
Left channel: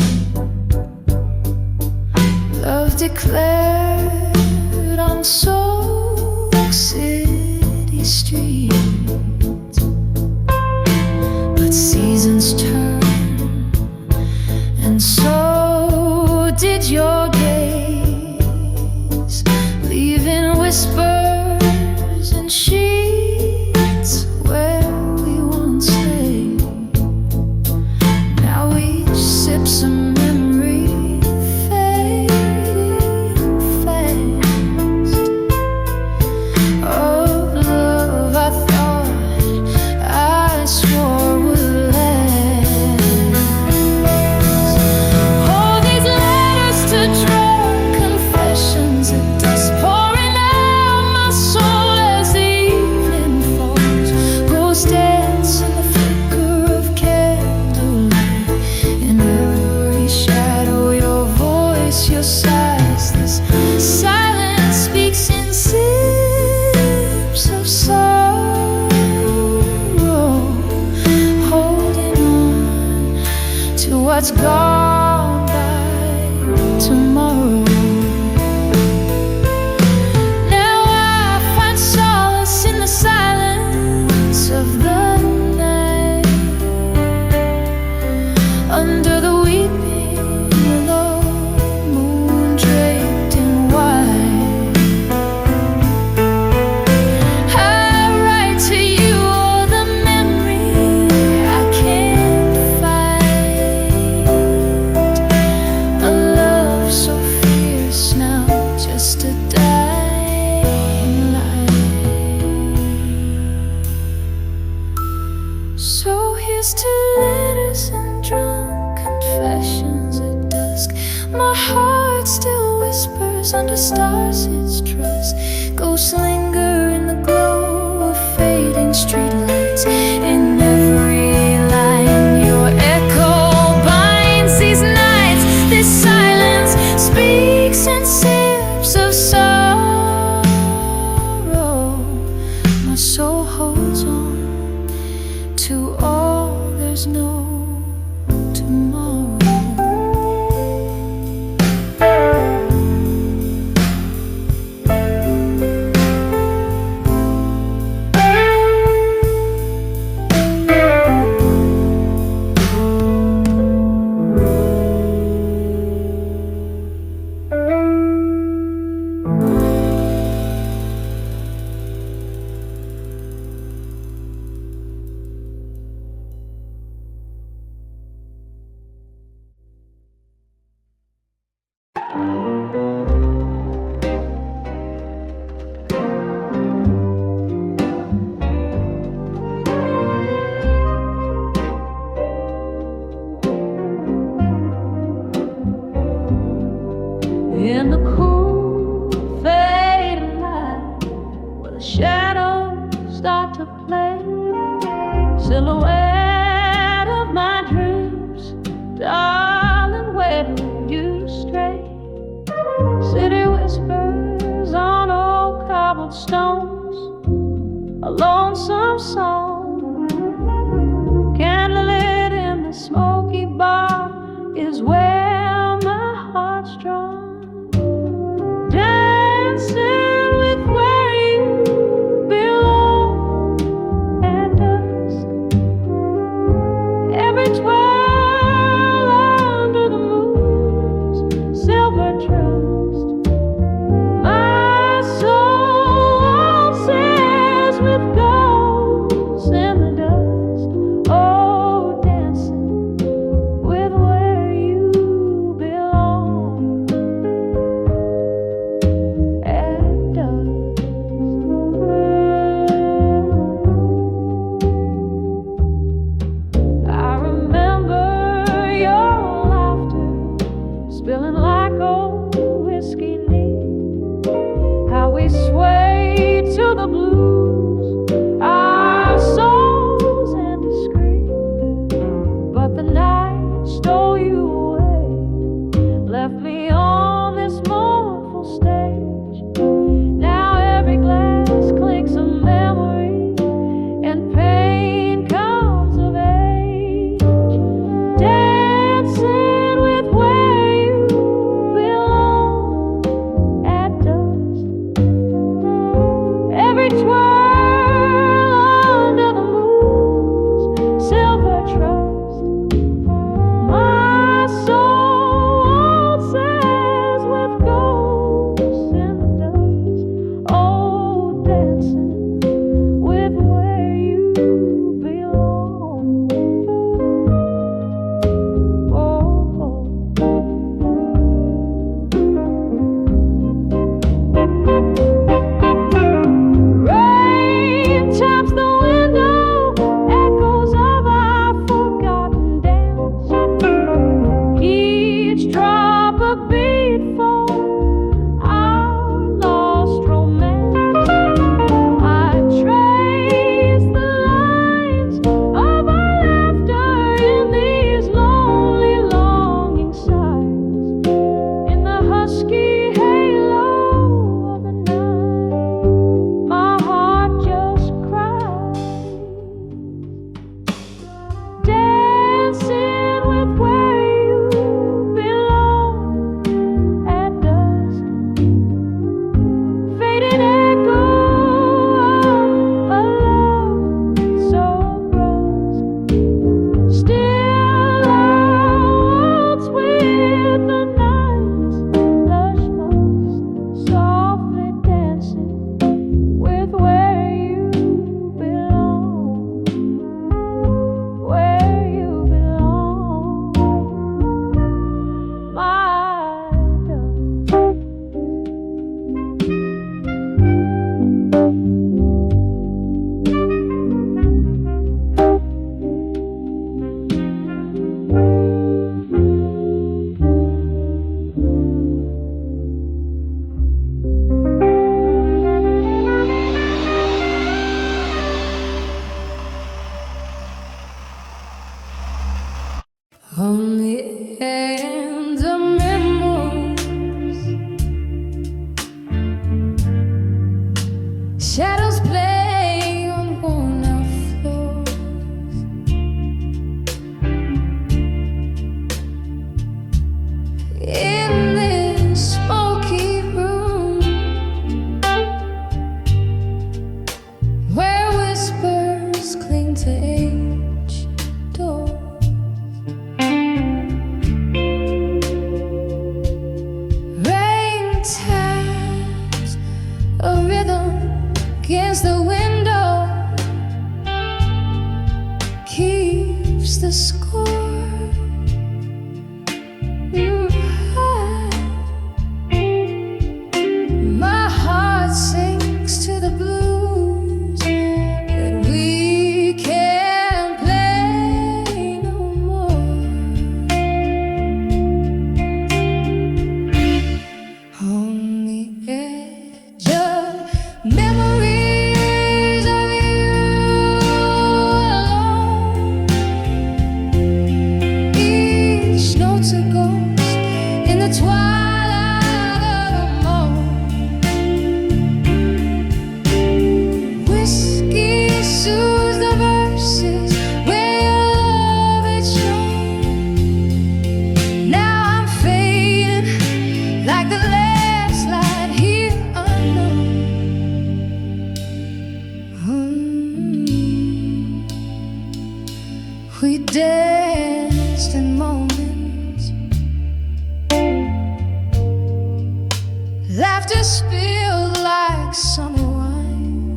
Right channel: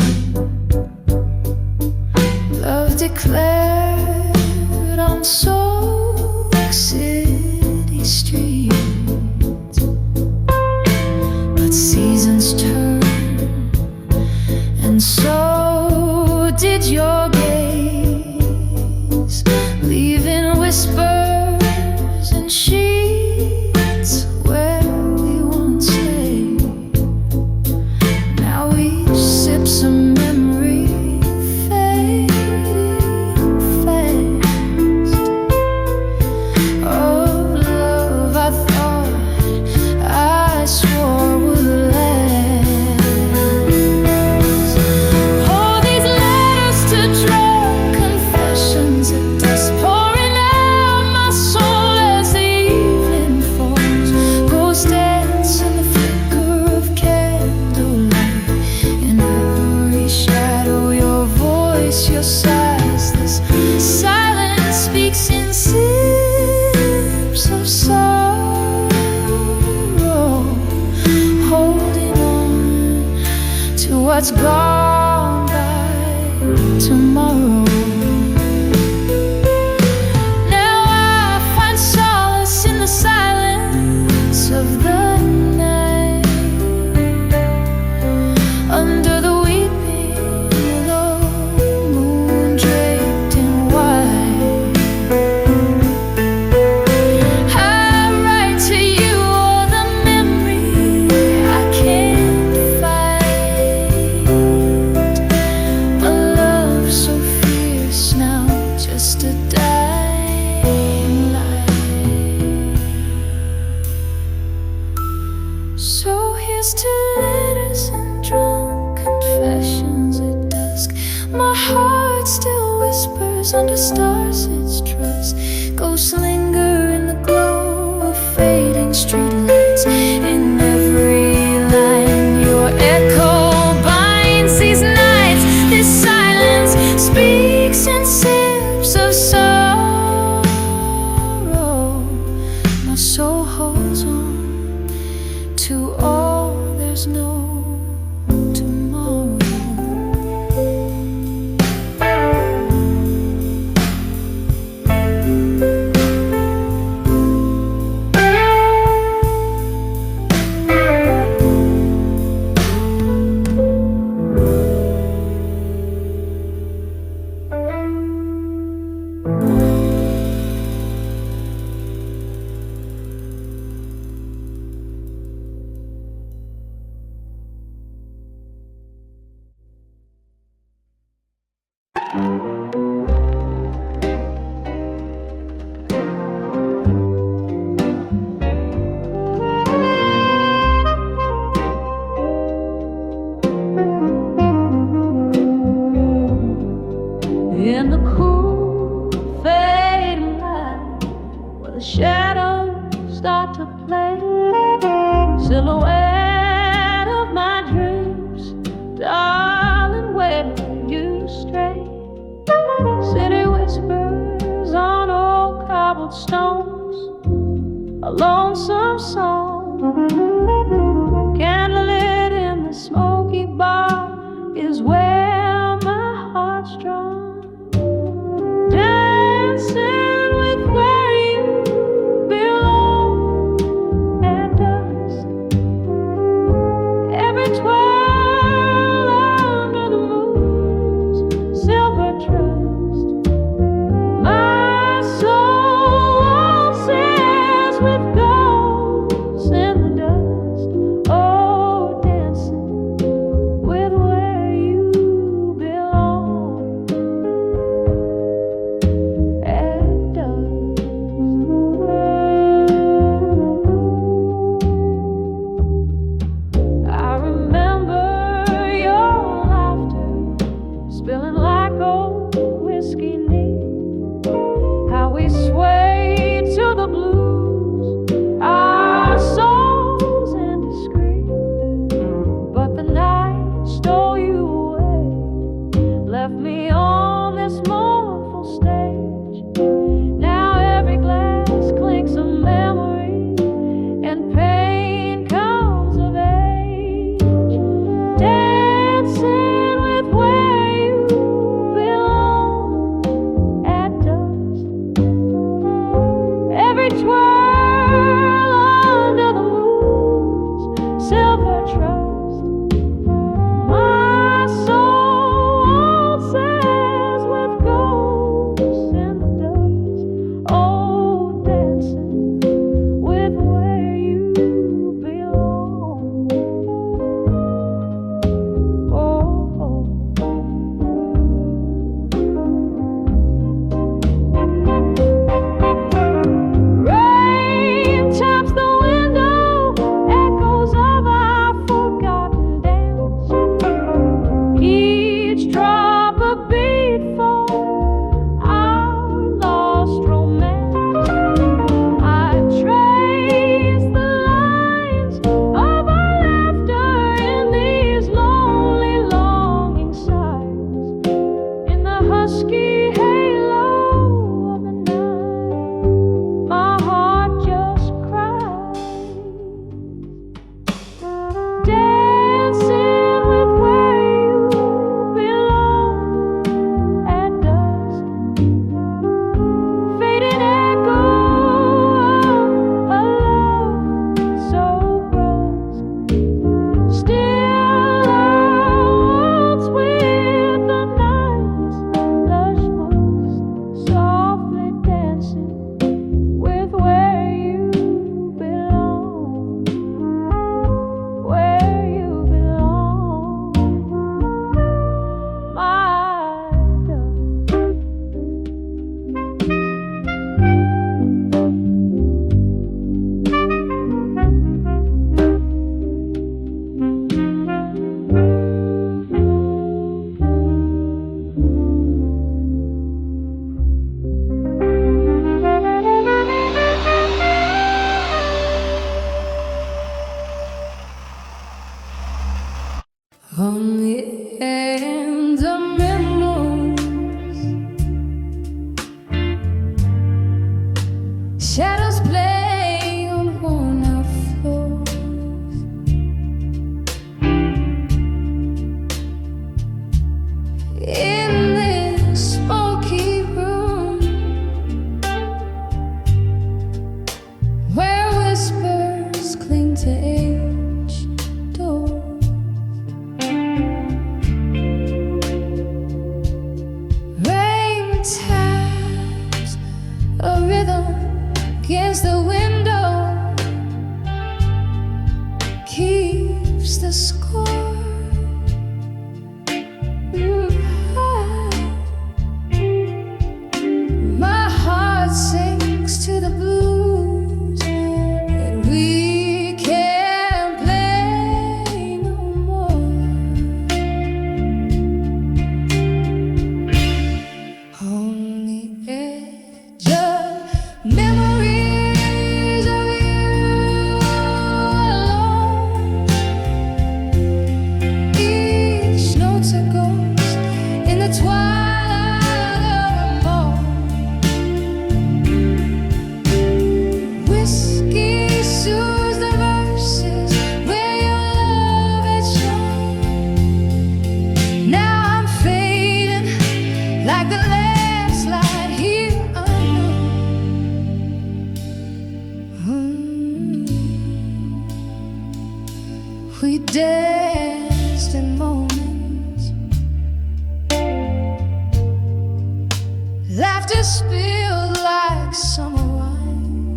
love declared on Soak City streets. But seasons turn, and so did your gaze, leaving whispers and sheets where we once lay. Now each sips a memory fading fast, of love I thought I swore would last. All these letters to drunk 'cause silence speaks in sips of sorrow, holding on to what's gone by tomorrow. Now I find solace in the silence of the night, under the weeping willow, moon draped in white. I write to you all the memory I can't fight, a love so fierce now, just a dying light. So here's to letters and drunk confessions at dusk. My heart still whispers under stars its trust. Ghosts linger in the glow of fading streetlights. In every line your echo binds these nights. This silence speaks in sips of sorrow. My soul holds on to all there's no tomorrow. In the cool, fading light, where the shadows start to play, silhouette of my dreams, darling, where do you stray? City whispers on old cobblestones, a lonesome song, candlelit in the smoky bar is where my heart's drawn. Dancing with where you belong at dusk. Every twirl under the moon's silver trust. My soul waltzes with ghosts in the dust. Oh, dancing with where you belong at dusk. I remember your laughter spilling like old whiskey neat, how we swayed to the blues, our souls indiscreet. But the night stole you away, left me on this mournful stage. Now every glass clinks a memory, and pain comes of age. Dancing with where you belong at dusk. Every twirl under the moon's silver trust. My soul waltzes Shadows play on worn-out floors. In this smoky room where whispers cling to aged doors, rain taps a rhythm against the window, keeps the score. My heart sinks to the blues that we can't play no more. On the edge of memories of you alone, each note's a ghost in the twilight of a moan. Whiskey soothes the verses where your love had shown. Now I'm fading like the last light here unknown. We danced in moments, laughter spilled like summer wine.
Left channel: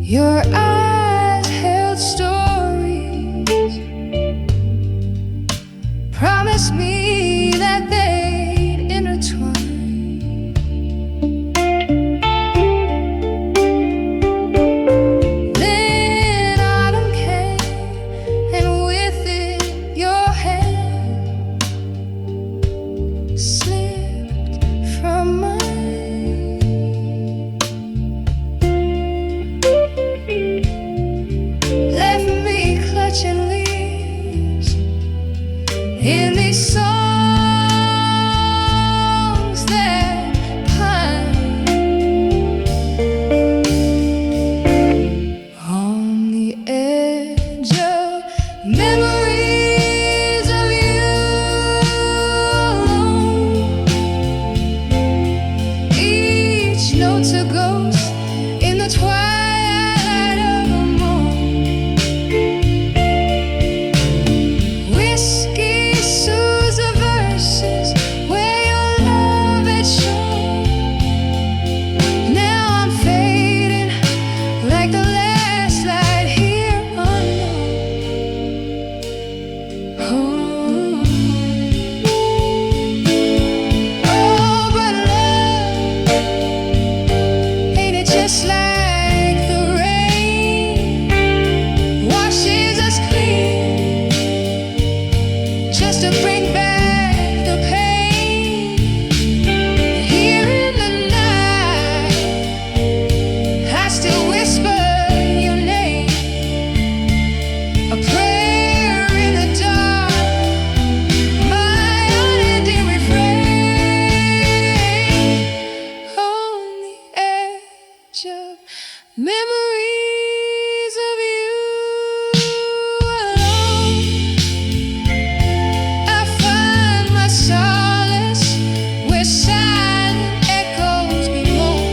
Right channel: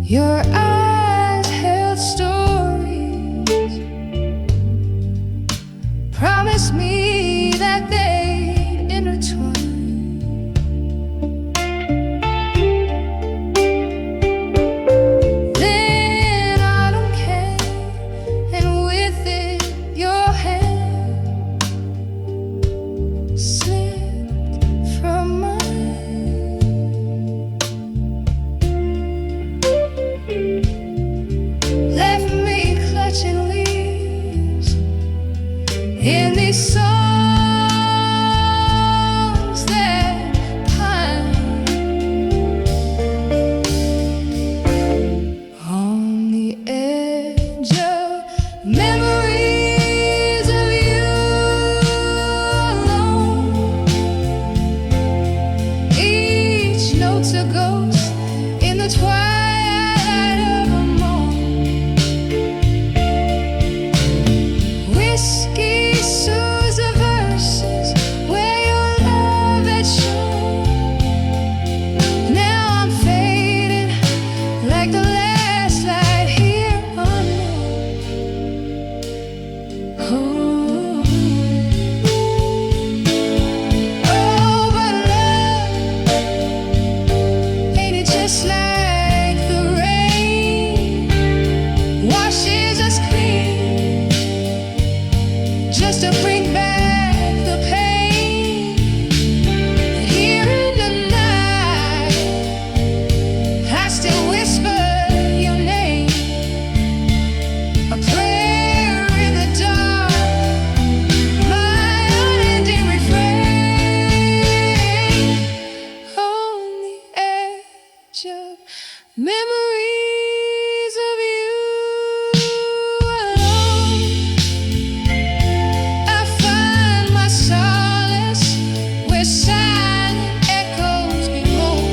Your eyes held stories, promised me that they'd intertwine. Then autumn came, and with it your hand slipped from mine. Left me clutching leaves in these songs that pine. On the edge of memories of you alone, each note's a ghost in the twilight of a moan. Whiskey soothes the verses where your love had shown. Now I'm fading like the last light here unknown. Oh, oh, but love, ain't it just like the rain washes us clean, just to bring back the pain. Here in the night, I still whisper your name, a prayer in the dark, my unending refrain. On the edge of memories of you alone, I find my solace where silent echoes bemoan.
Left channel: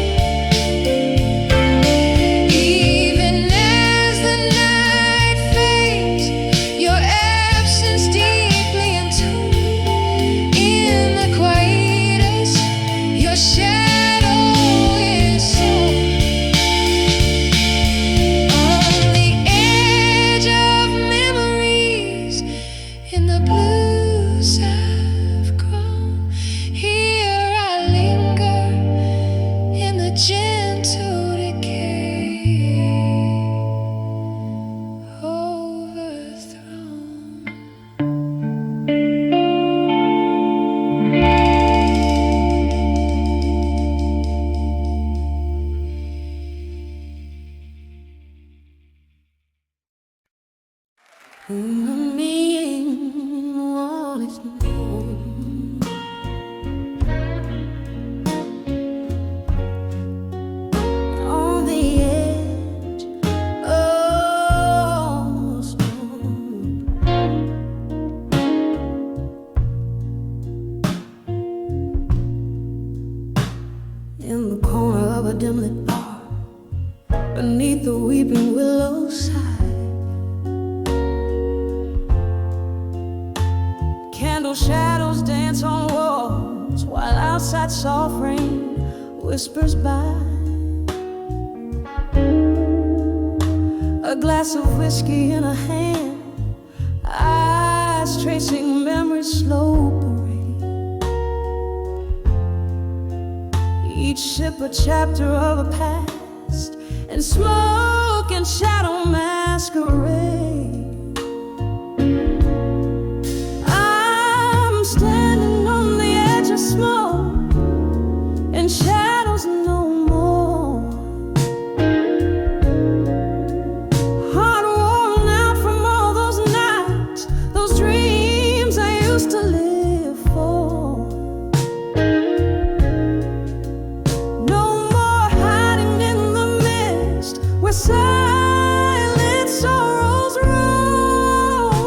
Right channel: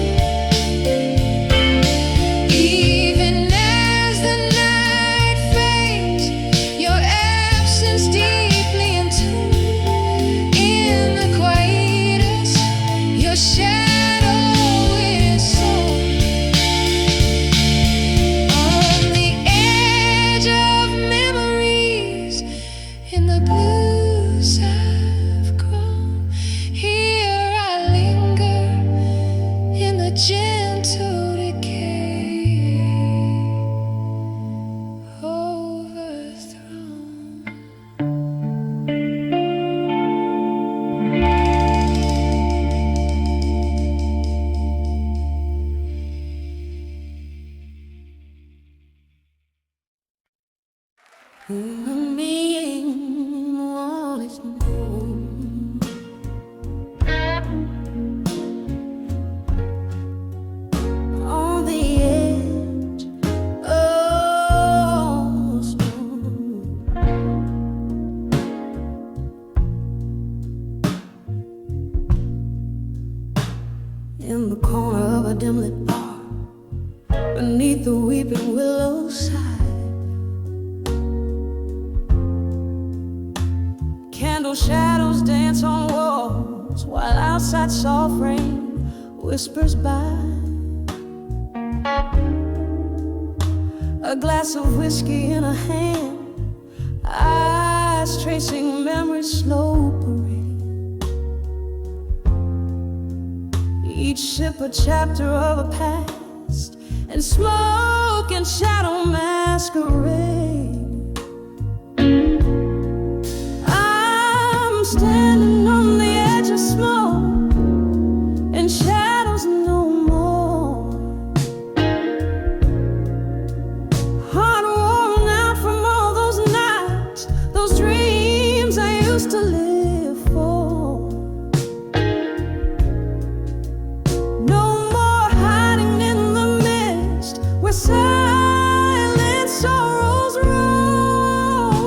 Even as the night fades, your absence deeply entombed in the quietus, your shadow is sown. On the edge of memories, in the blues I've grown, here I linger in the gentle decay, overthrown. in the corner of a dim lit bar, beneath the weeping willow side. Candle shadows dance on walls, while outside soft rain whispers by. A glass of whiskey in a hand, eyes tracing memories slow parading. Each sip a chapter of a past, and smoke and shadow masquerade. I'm standing on the edge of smoke and shadows no more. Heart worn out from all those nights, those dreams I used to live for. No more hiding in the mist where silent sorrows roll.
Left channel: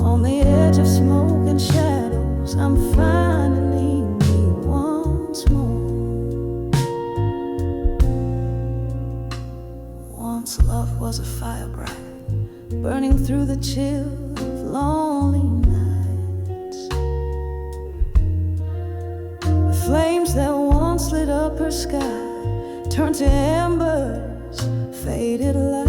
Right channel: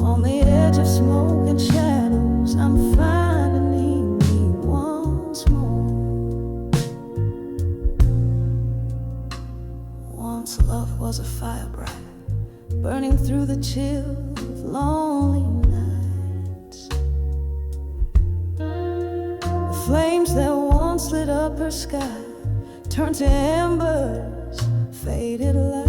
On the edge of smoke and shadows, I'm finding me once more. Once love was a fire bright, burning through the chill of lonely nights. The flames that once lit up her sky turned to embers, faded light.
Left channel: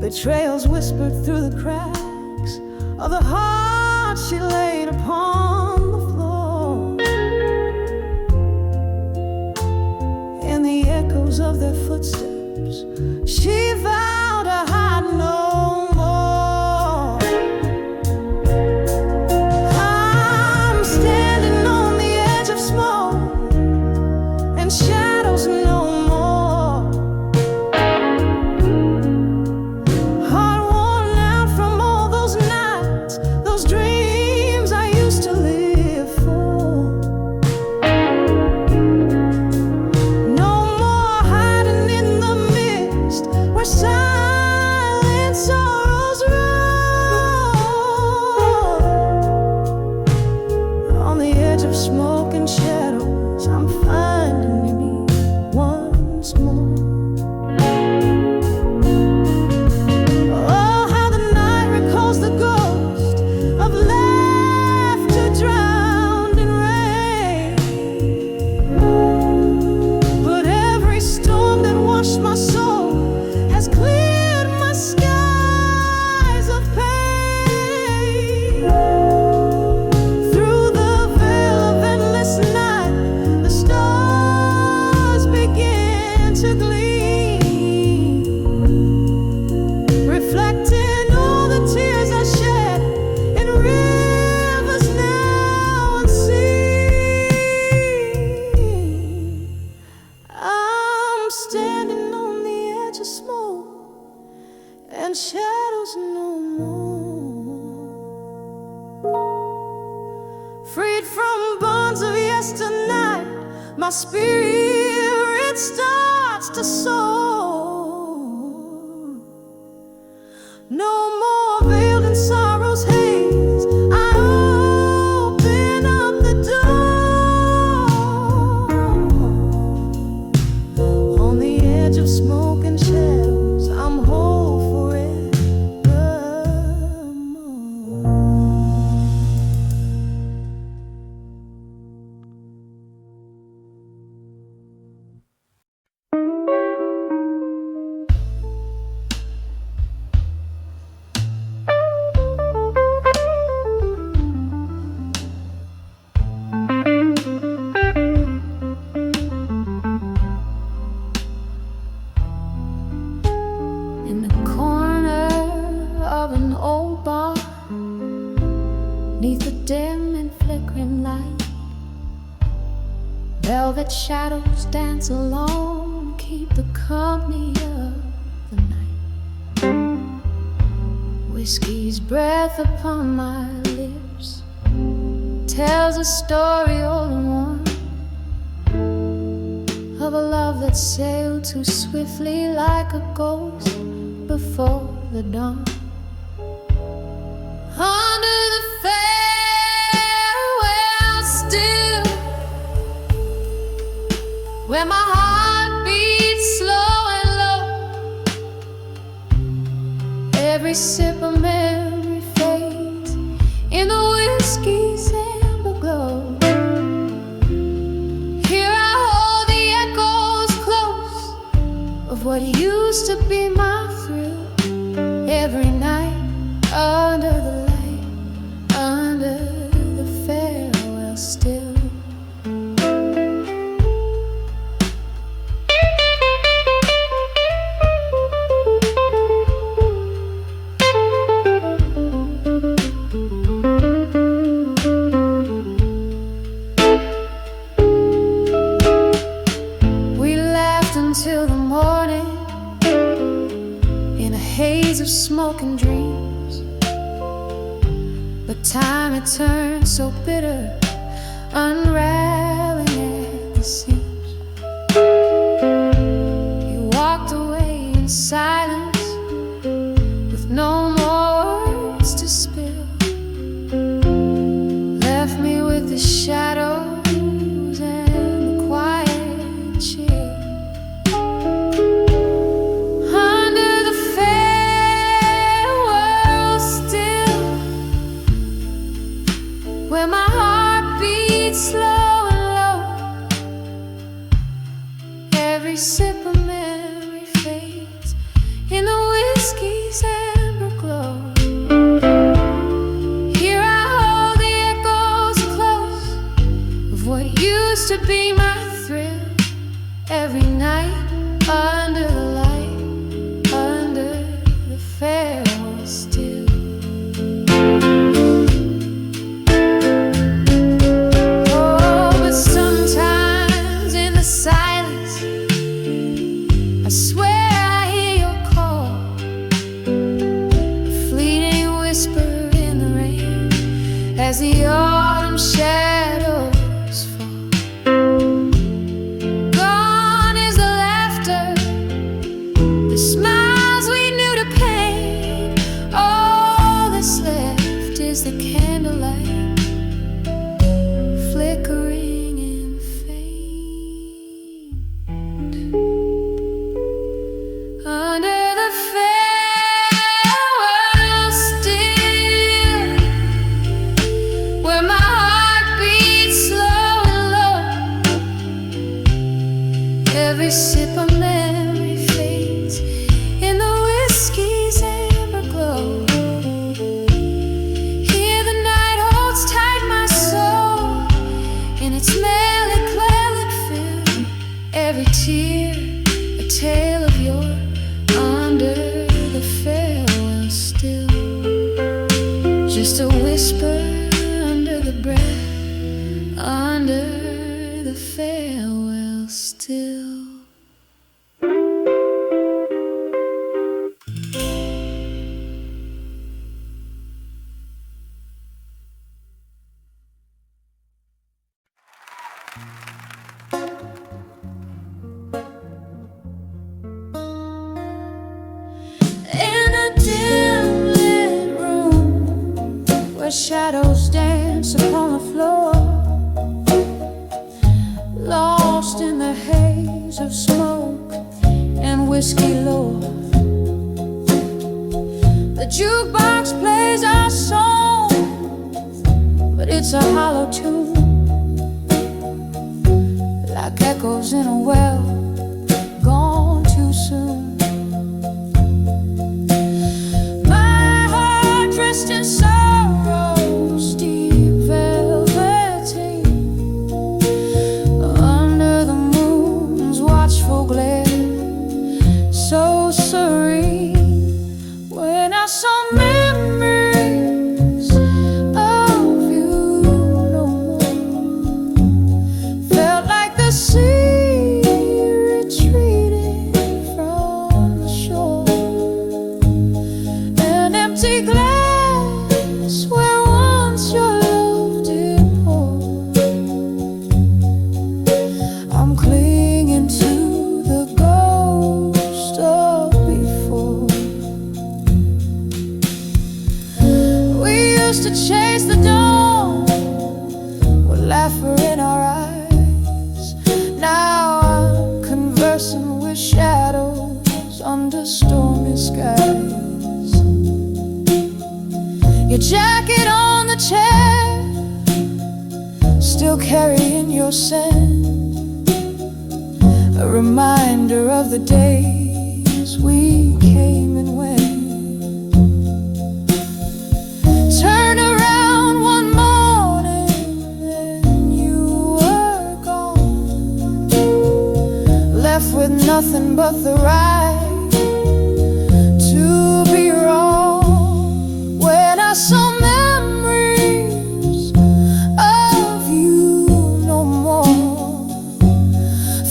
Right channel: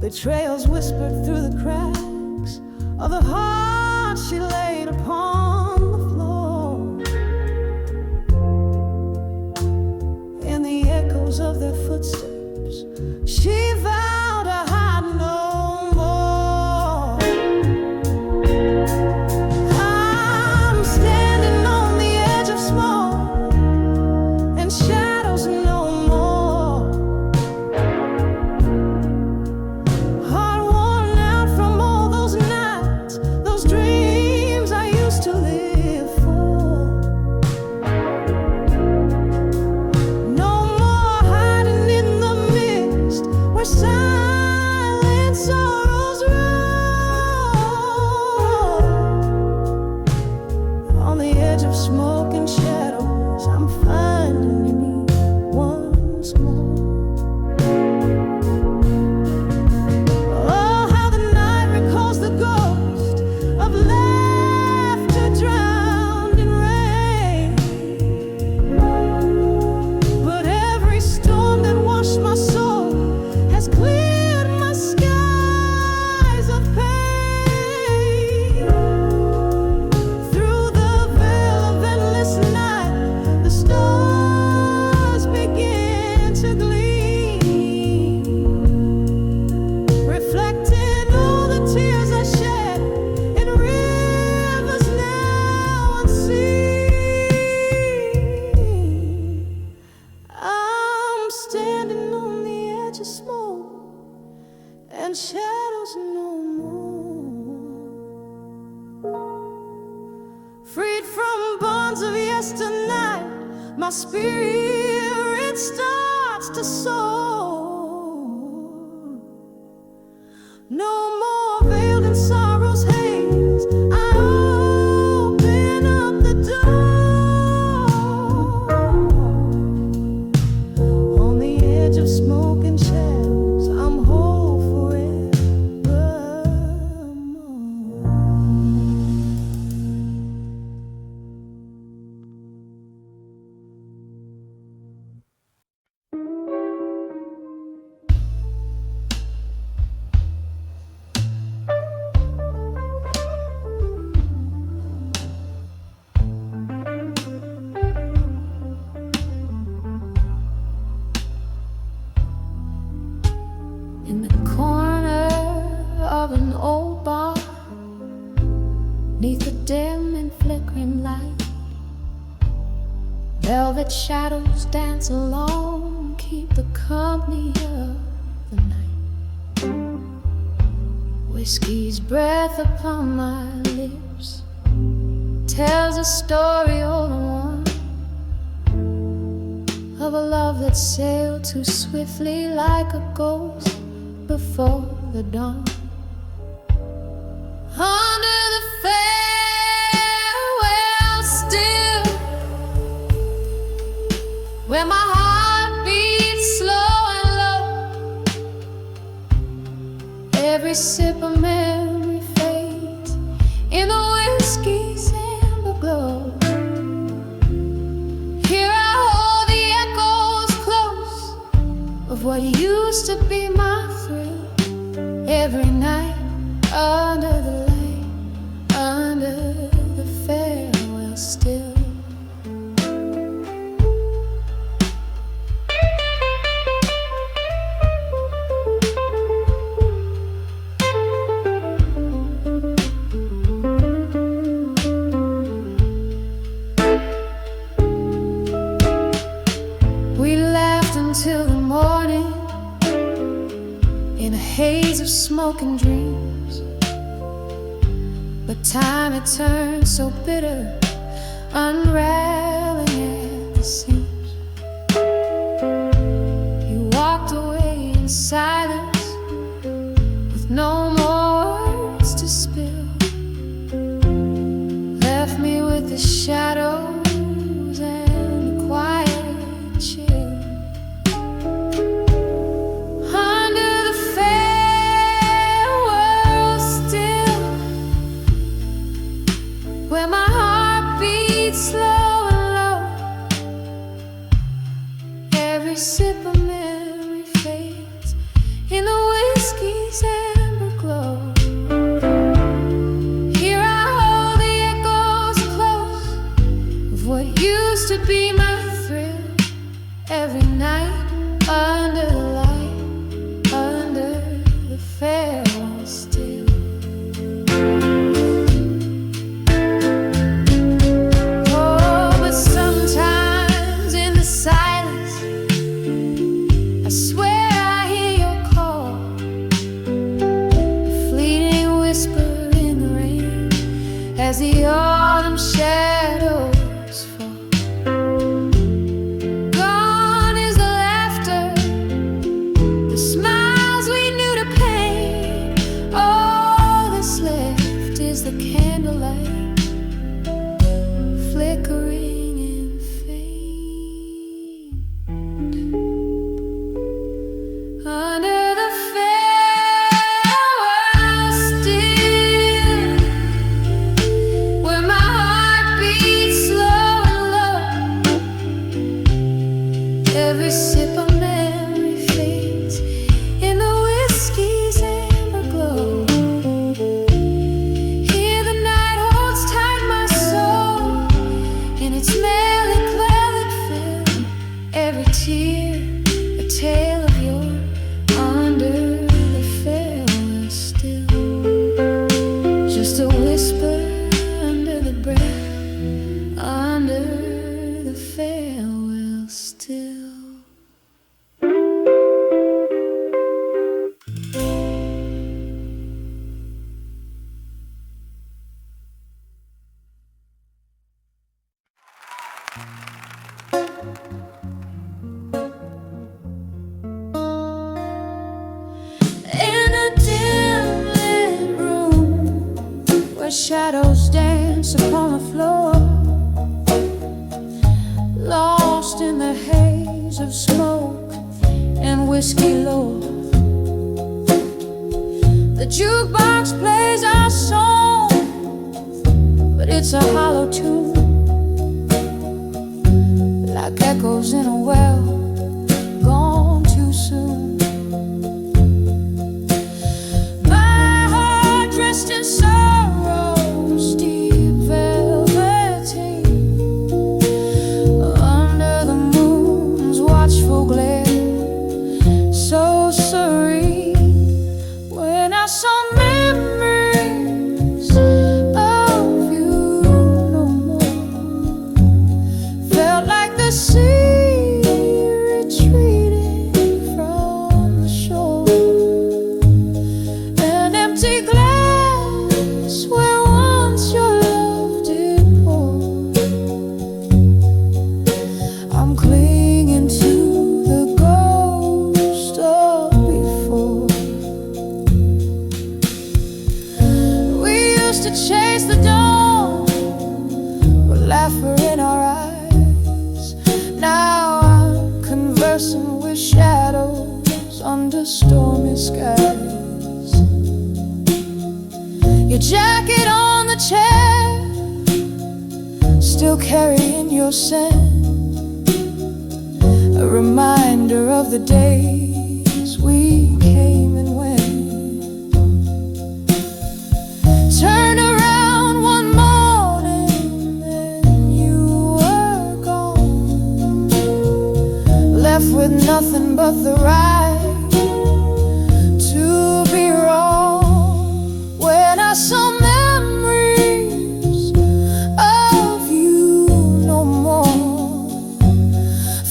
Betrayals whispered through the cracks of the heart she laid upon the floor. In the echoes of their footsteps, she vowed to hide no more. I'm standing on the edge of smoke and shadows no more. Heart worn out from all those nights, those dreams I used to live for. No more hiding in the mist where silent sorrows roll. On the edge of smoke and shadows, I'm finding me once more. Oh, how the night recalls the ghost of laughter drowned in rain. But every storm that washed my soul has cleared my skies of pain. Through the veil of endless night, the stars begin to gleam, reflecting all the tears I shed in rivers now unseen. I'm standing on the edge of smoke and shadows no more. Freed from bonds of yesternight, my spirit starts to soar. No more veiled in sorrow's haze, I open up the door. On the edge of smoke and shadows, I'm whole forevermore. In the corner of an old bar, neath the dim and flickering light, velvet shadows dance along, keep the company of the night. Whiskey's breath upon my lips tells a story old and warm, of a love that sailed too swiftly like a ghost before the dawn. Under the where my heart beats slow and low. Every sip of memory fades in the whiskey's amber glow. Here I hold the echoes close of what used to be my thrill. Every night under the light, under the farewell still. We laughed until the morning in a haze of smoke and dreams. But time had turned so bitter, unraveling at the seams. You walked away in silence with no more words to spill. Left me with the shadows and the quiet chill. Under the farewell still, where my heart beats slow and low. Every sip of memory fades in the whiskey's amber glow. Here I hold the echoes close of what used to be my thrill. Every night under the light, under the farewell still. Oh, but sometimes in the silence I swear I hear your call, a fleeting whisper in the rain as the autumn shadows fall. The smiles we knew to paint, all that's left is the candlelight, flickering and faint. Under the farewell still, where my heart beats slow and low. Every sip of memory fades in the whiskey's amber glow. Here the night holds tight my soul in its melancholic fill. Every tear a tale of yore, under the farewell still. Just a whisper under the breath, under the farewell still. In a dim lit room where shadows dance upon the floor, lost in the haze of smoke and whiskey lore, the jukebox plays our song, but it's a hollow tune, like echoes in a well gone too soon. Dressed in sorrow's deep velveteen, under the moon's watchful glare, so serene. When I saw memories of you no more, felt like the sea retreating from the shore, an empty glass where once your love did pour. I'm clinging to the ghost of before. We used to chase the dawn with laughter in our eyes. Now person with shadows under stormy skies. Your jacket on the chair, still carrying your scent, a reminder of the days we came and went. Turn around one morning and you were gone, left with nothing but the right to be wrong. When I saw memories of you no more,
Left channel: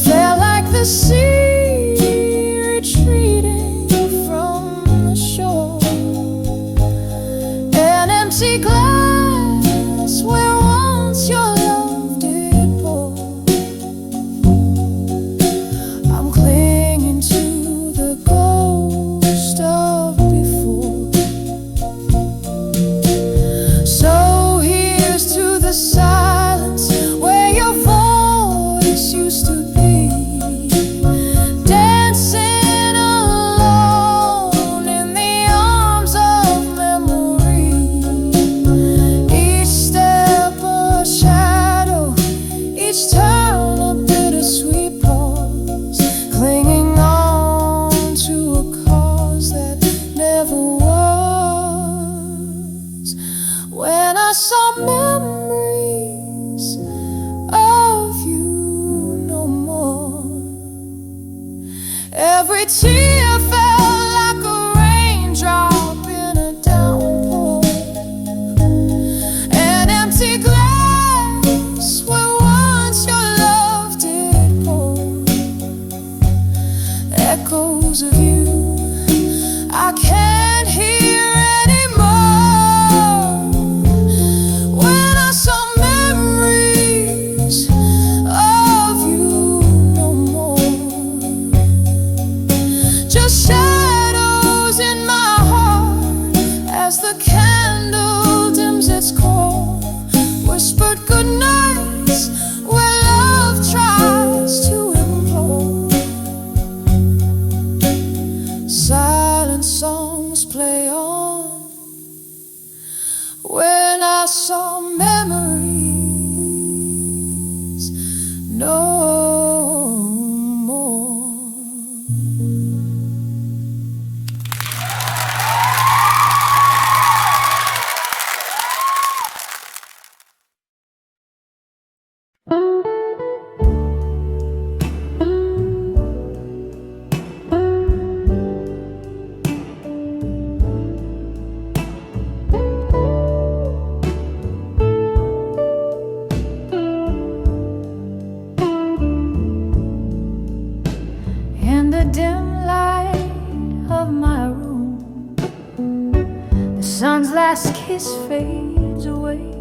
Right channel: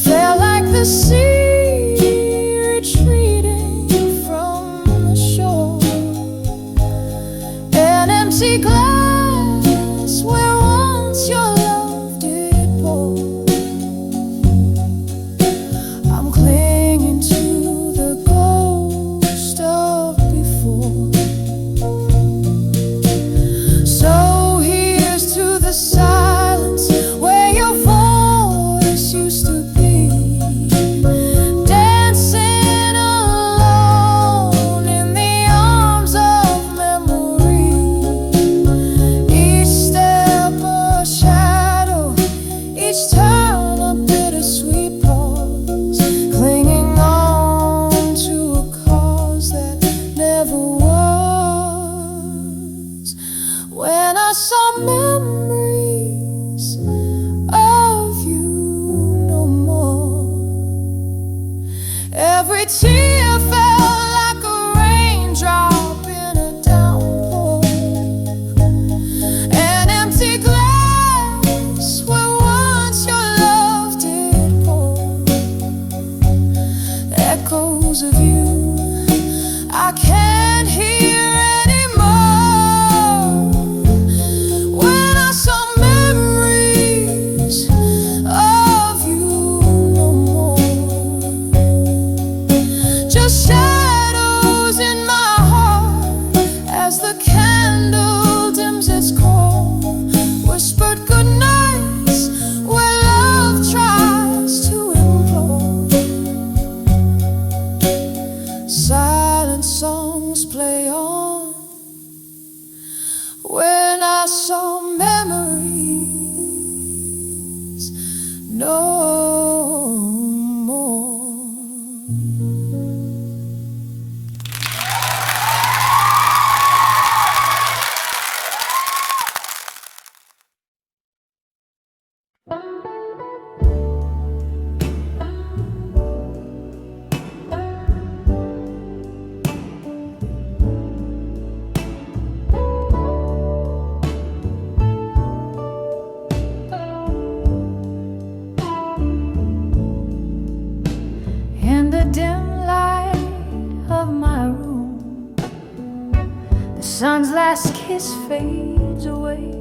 felt like the sea retreating from the shore, an empty glass where once your love did pour. I'm clinging to the ghost of before. So here's to the silence where your voice used to be, dancing alone in the arms of memory. Each step a shadow, each turn a bittersweet pause, clinging on to a cause that never was. When I saw memories of you no more, every tear felt like a raindrop in a downpour, an empty glass where once your love did pour. Echoes of you I can't hear anymore. When I saw memories of you no more, just shadows in my heart as the candle dims its core, whispered good nights where love tries to implore. Silent songs play on when I saw memories no more. In the dim light of my room, the sun's last kiss fades away,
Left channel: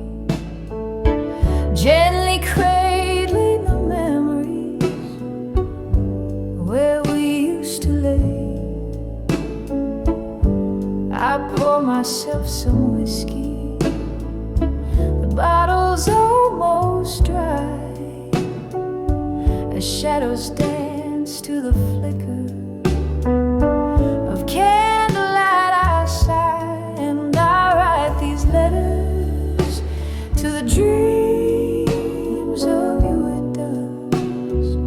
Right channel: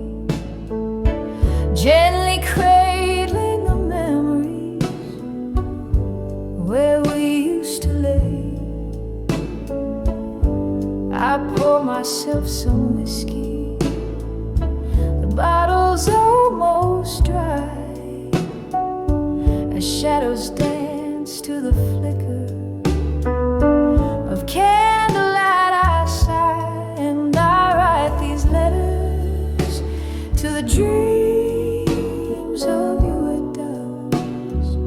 gently cradling the memories where we used to lay. I pour myself some whiskey, the bottle's almost dry, as shadows dance to the flicker of candlelight. I sigh and I write these letters to the dreams of you at dusk.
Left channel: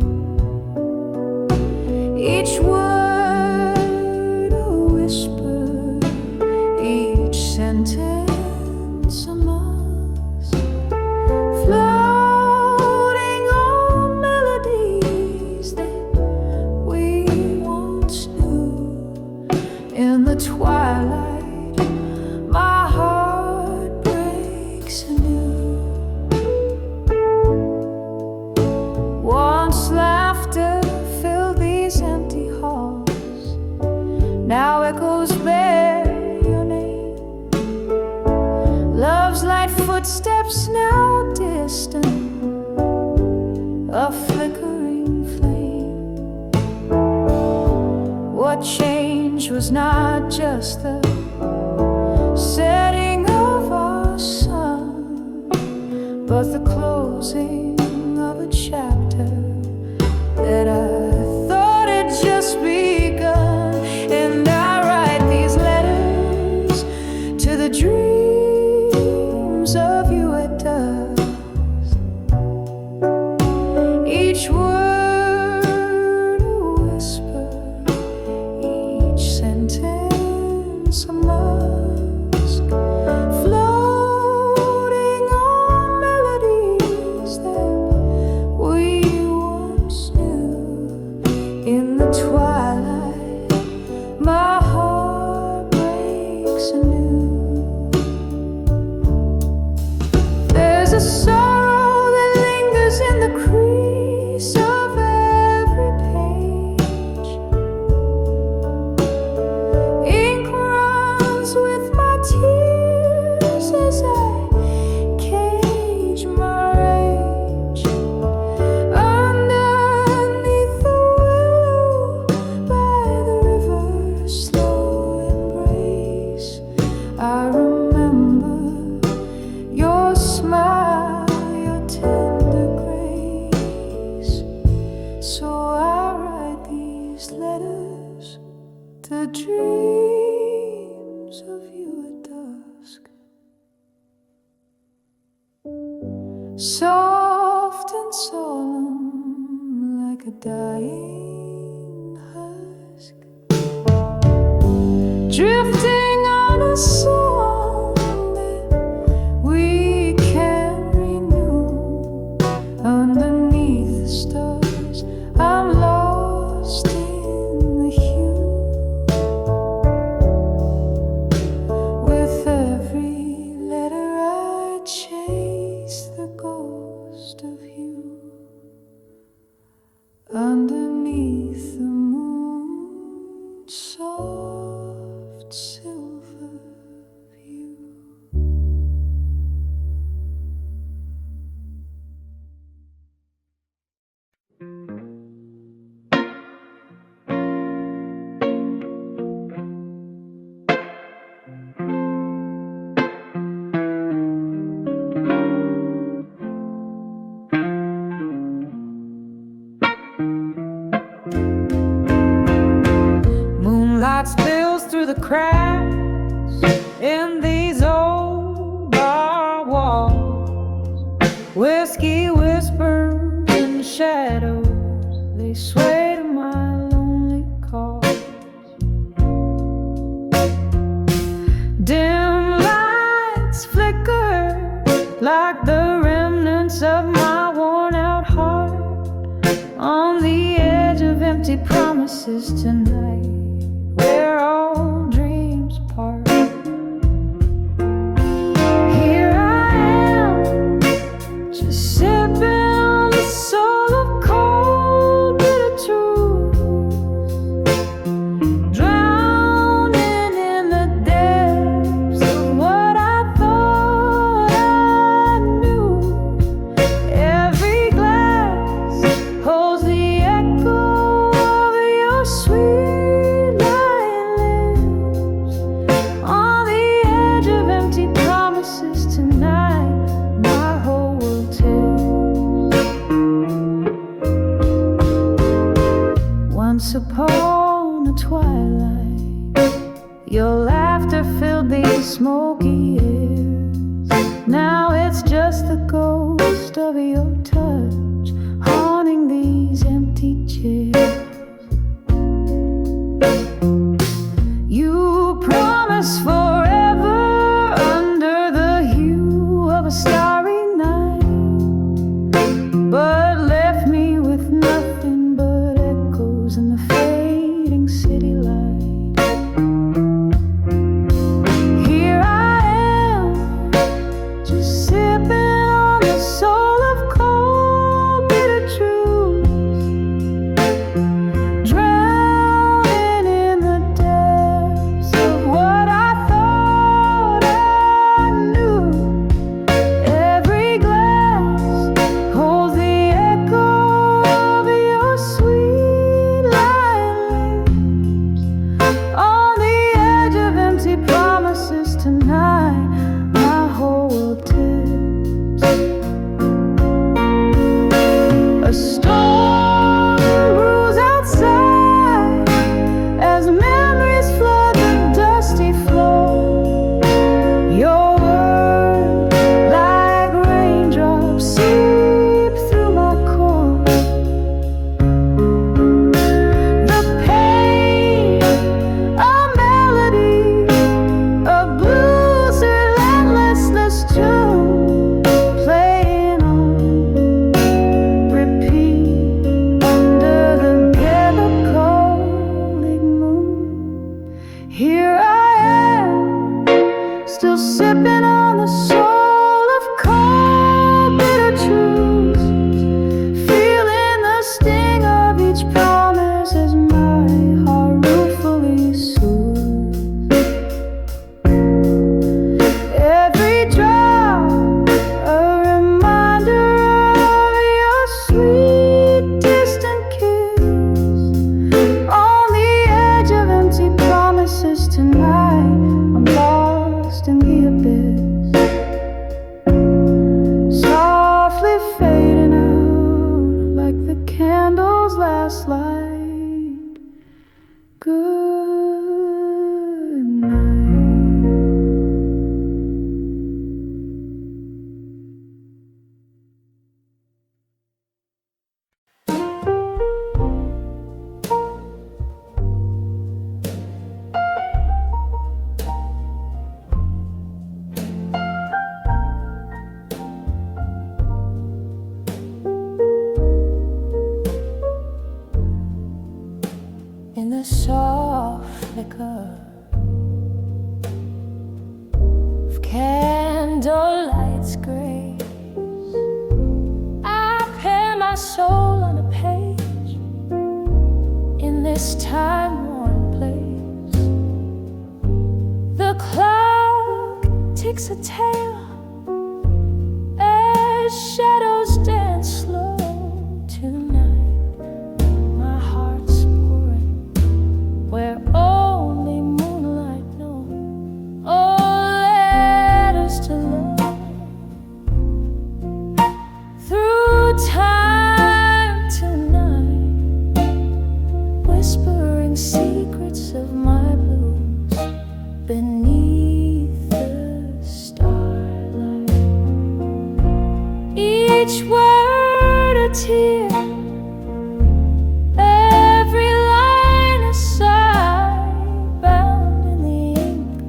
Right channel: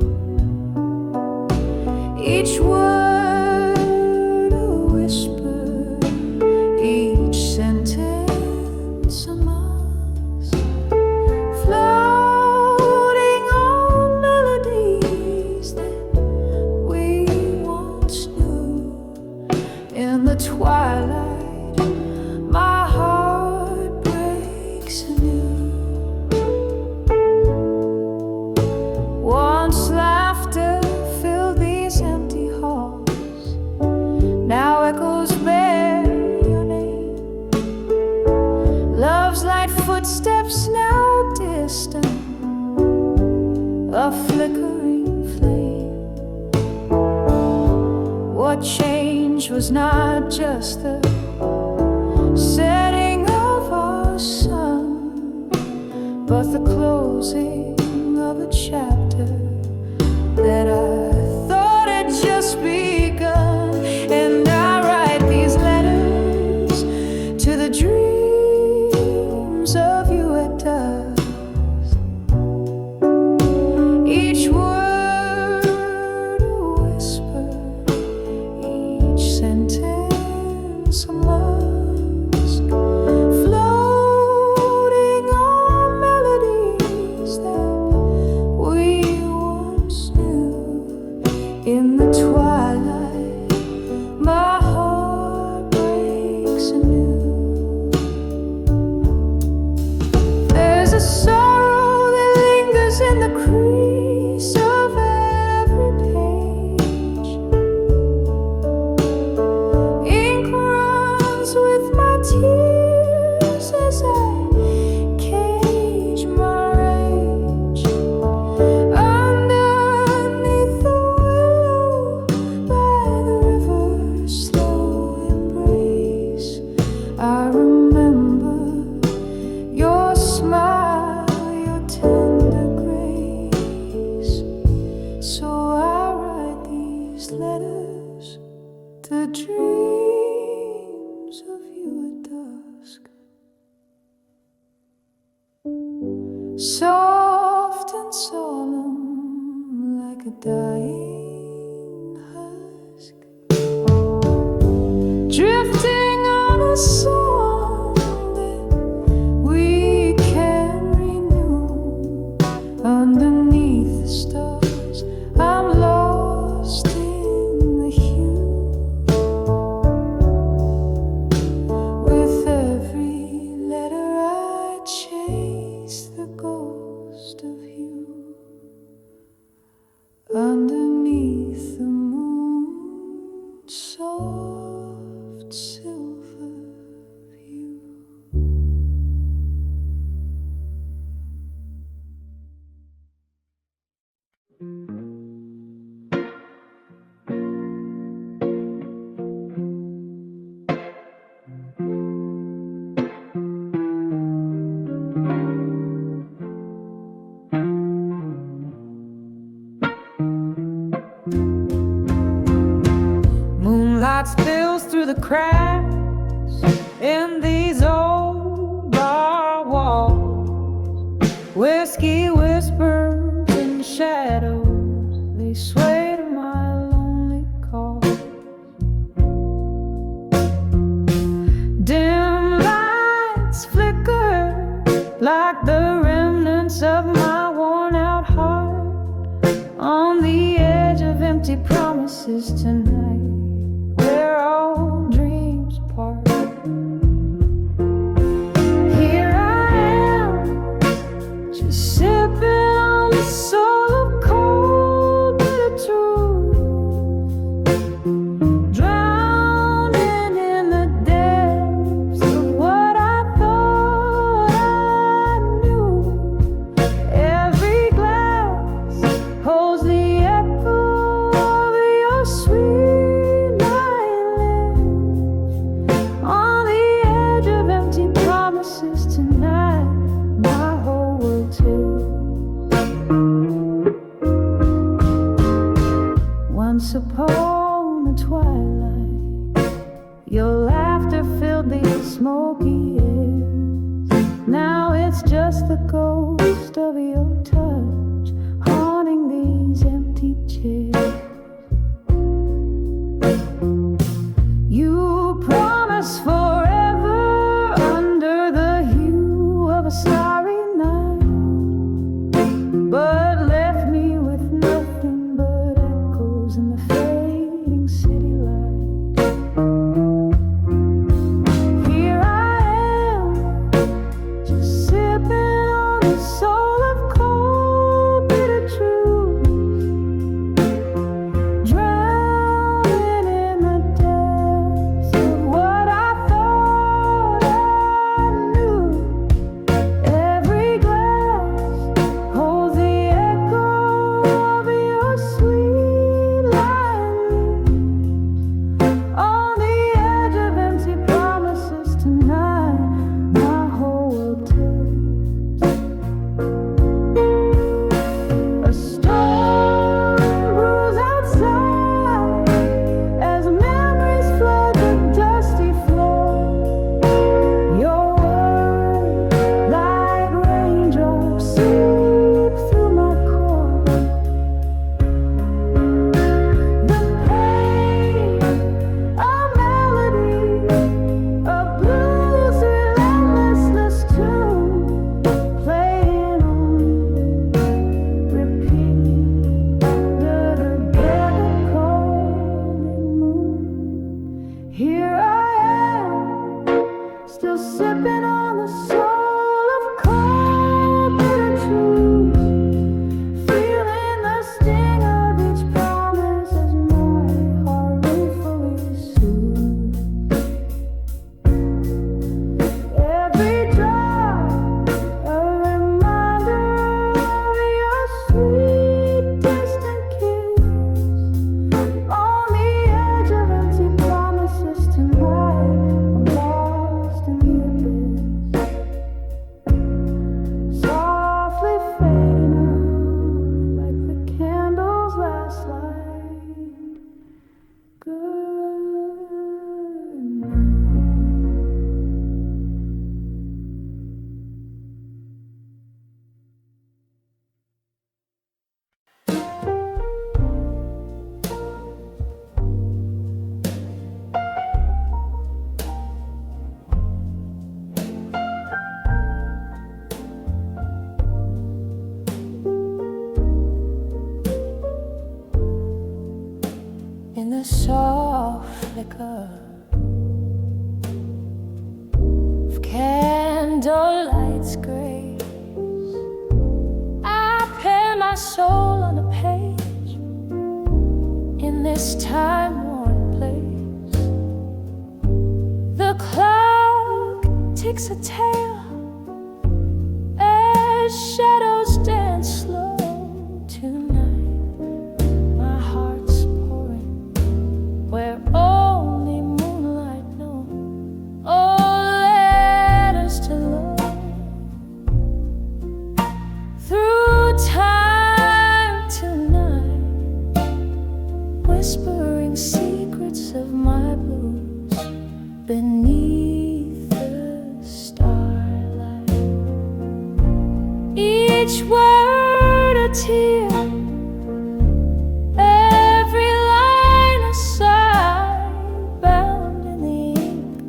Each word a whisper, each sentence a musk, floating on melodies that we once knew. In the twilight, my heart breaks anew. Once laughter filled these empty halls, now echoes bear your name. Love's light footsteps now distant, a flickering flame. What changed was not just the setting of our sun, but the closing of a chapter that I thought had just begun, and I write these letters to the dreams of you at dusk. Each word a whisper, each sentence a musk, floating on melodies that we once knew. In the twilight, my heart breaks anew. There's a sorrow that lingers in the crease of every page. Ink runs with my tears as I cage my rage. Underneath the willow by the river's slow embrace, I remember your smile, your tender grace. So I write these letters to dreams of you at dusk. Soft and solemn like a dying husk, drifting on a song that we can renew. Underneath the stars, I'm lost in the hue. With every letter I chase the ghost of you. Underneath the moon's soft silver view. Moonlight spills through the cracks in these old bar walls. Whiskey whispers in the shadows, they sway to my lonely call. Dim lights flicker like the remnants of my worn-out heart, on the edge of empty promises tonight, where all dreams part. Here I am, just sipping on the soul of cold bitter truth, drowning in the depths of what I thought I knew. Every glass holds the echo of your sweet lying lips. On the edge of empty promises tonight, my whole world tilts. Once upon a twilight, your laughter filled these smoky airs. Now it's just the ghost of your touch haunting these empty chairs. You promised forever under the hue of a starry night, but left me with nothing but echoes in the fading city light. Here I am, just sipping on the soul of cold bitter truth, drowning in the depths of what I thought Here I am, still sipping on the soul of cold, bitter truths, feeling the sting of each promise as my heart ruefully soothes. Every drop a reminder of your sweet distant kiss on the edge of empty promises. Tonight I'm lost in the abyss, softly fading out like the candle's last light. Good night. In the soft flicker of candlelight's grace, I pen my soul on a page in this time-worn place. The clock ticks a tale as shadows dance slow. Tonight my heart's pouring where only moonlight knows. Oh, letters to love through time tonight, whispering secrets of my blues beneath the starlight. Each word a tear, every line a sigh, bound in the ink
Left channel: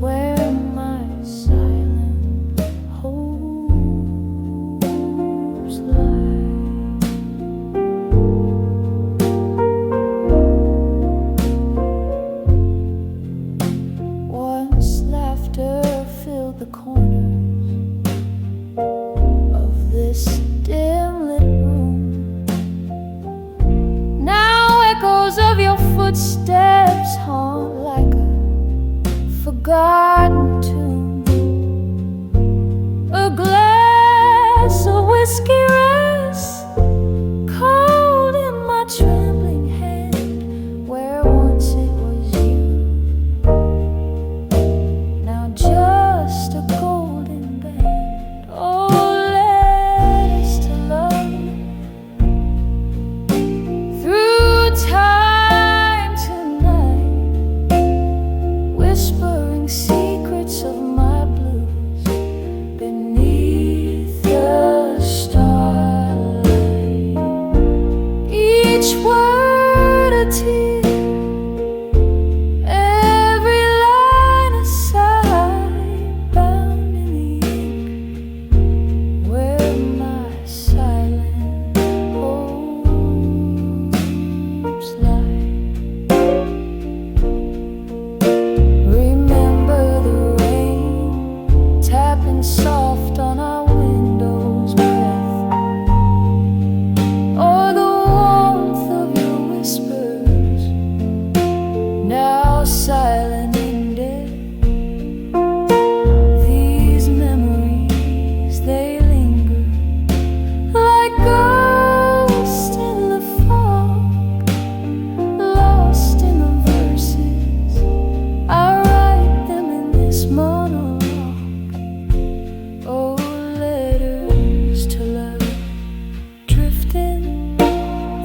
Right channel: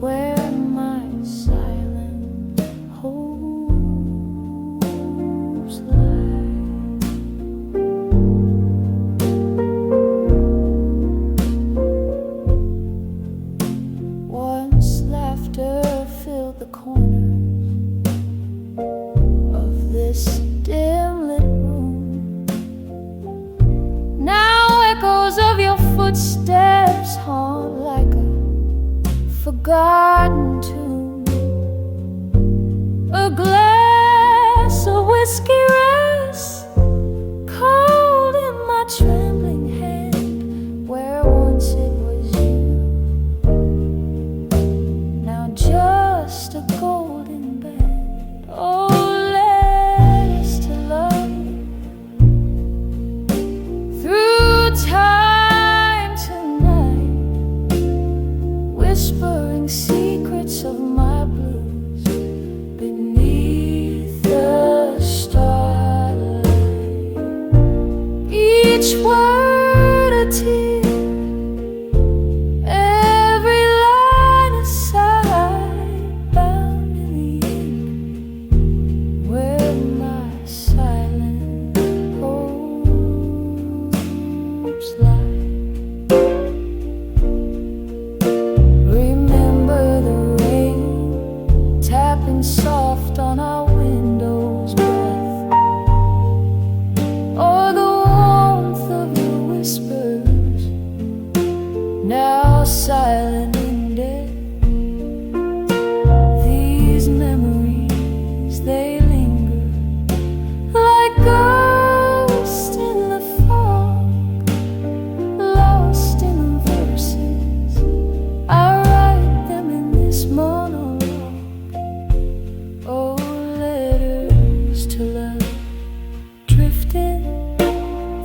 where my silent hopes lie. Once laughter filled the corners of this dim-lit room. Now echoes of your footsteps haunt like a forgotten tune. A glass of whiskey rests cold in my trembling hand, where once it was you, now just a golden band. Oh, letters to love through time tonight, whispering secrets of my blues beneath the starlight. Each word a tear, every line a sigh, bound in the ink where my silent hopes lie. Remember the rain tapping soft on our window's breath, or the warmth of your whispers, now silent in death. These memories, they linger like ghosts in the fog, lost in the verses. I write them in this monologue. Oh, letters to love, drifting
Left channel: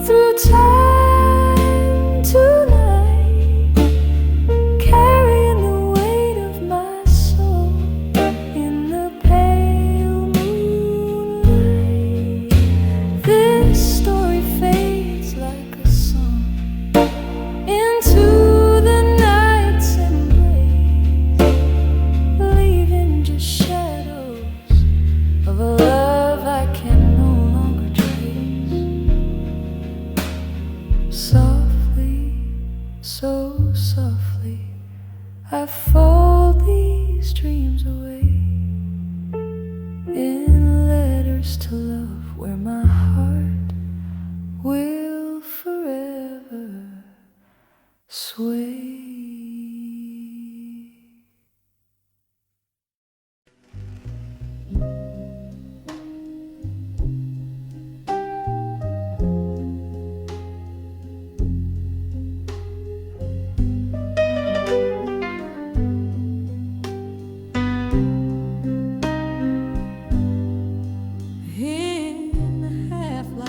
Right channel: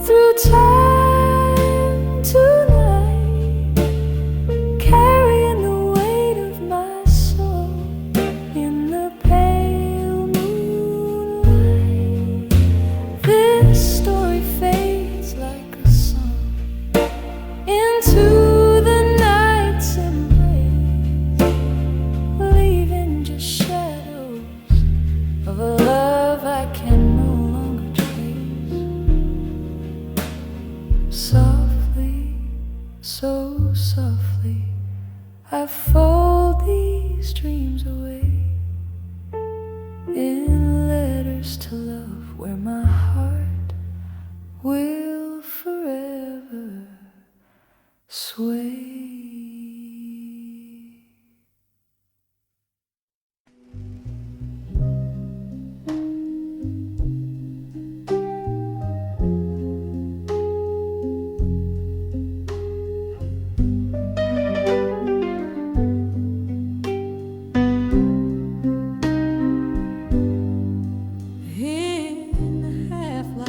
through time tonight, carrying the weight of my soul in the so softly I fold these dreams away in letters to love, where my heart will forever sway. In the half-light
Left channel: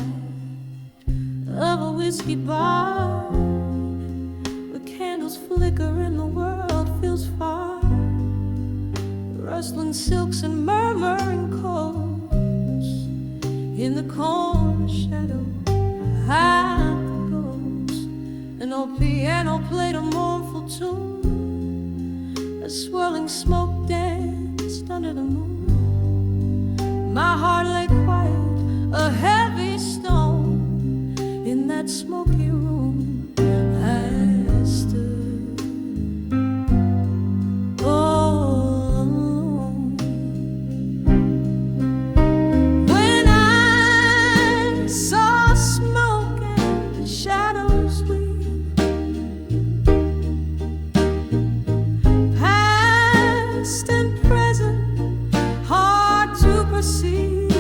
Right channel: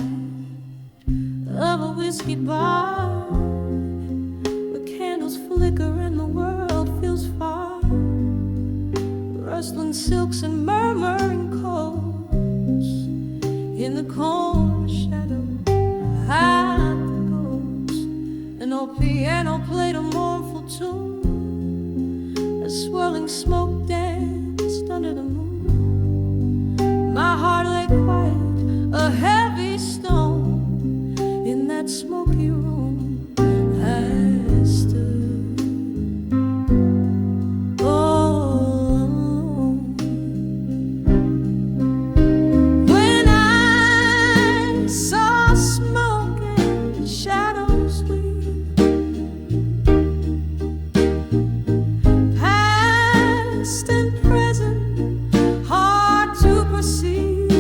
of a whiskey bar, where candles flicker and the world feels far, rustling silks and murmuring chords, in the corner shadow hide the ghosts. An old piano played a mournful tune, a swirling smoke danced under the moon. My heart lay quiet, a heavy stone. In that smoky room I stood all alone. When I saw smoke and shadows weave past and present, hard to perceive.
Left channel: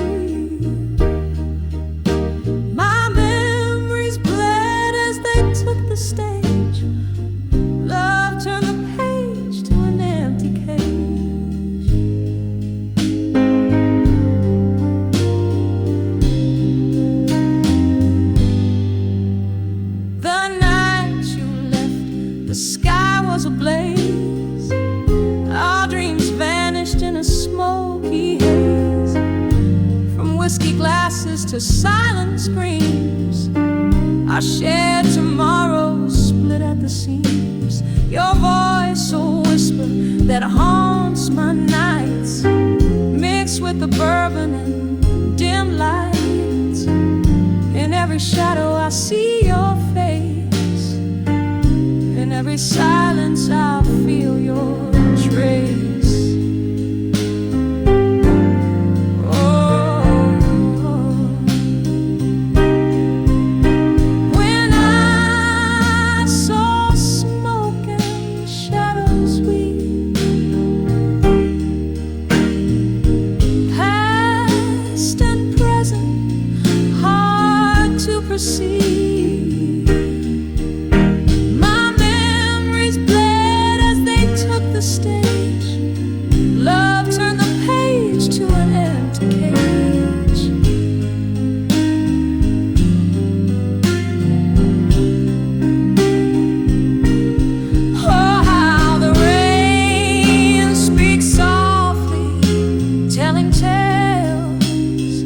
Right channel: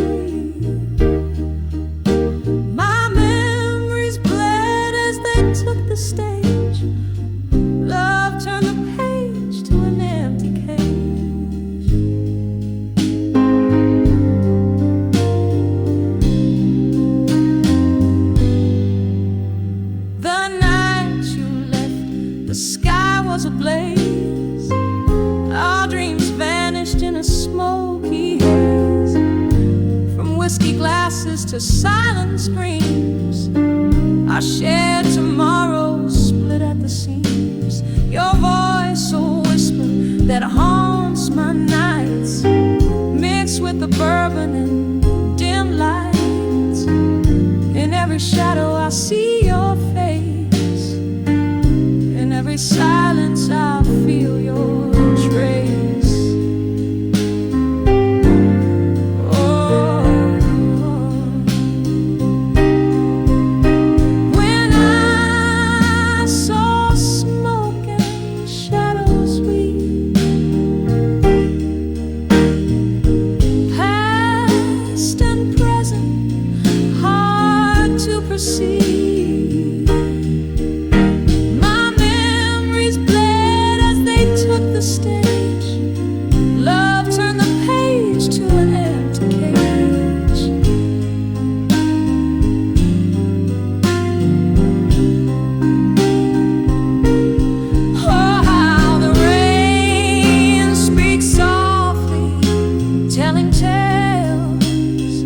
My memories bled as they took the stage. Love turned the page to an empty cage. The night you left, the sky was ablaze. Our dreams vanished in a smoky haze. From whiskey glasses to silent screams, our shared tomorrows split at the seams. Your voice, a whisper that haunts my nights, mixed with the bourbon and dim lights. In every shadow I see your face, in every silence I feel your trace. Oh, when I saw smoke and shadows weave past and present, hard to perceive. The stage, love turned the page to an empty cage. Oh, how the rain speaks softly, telling tales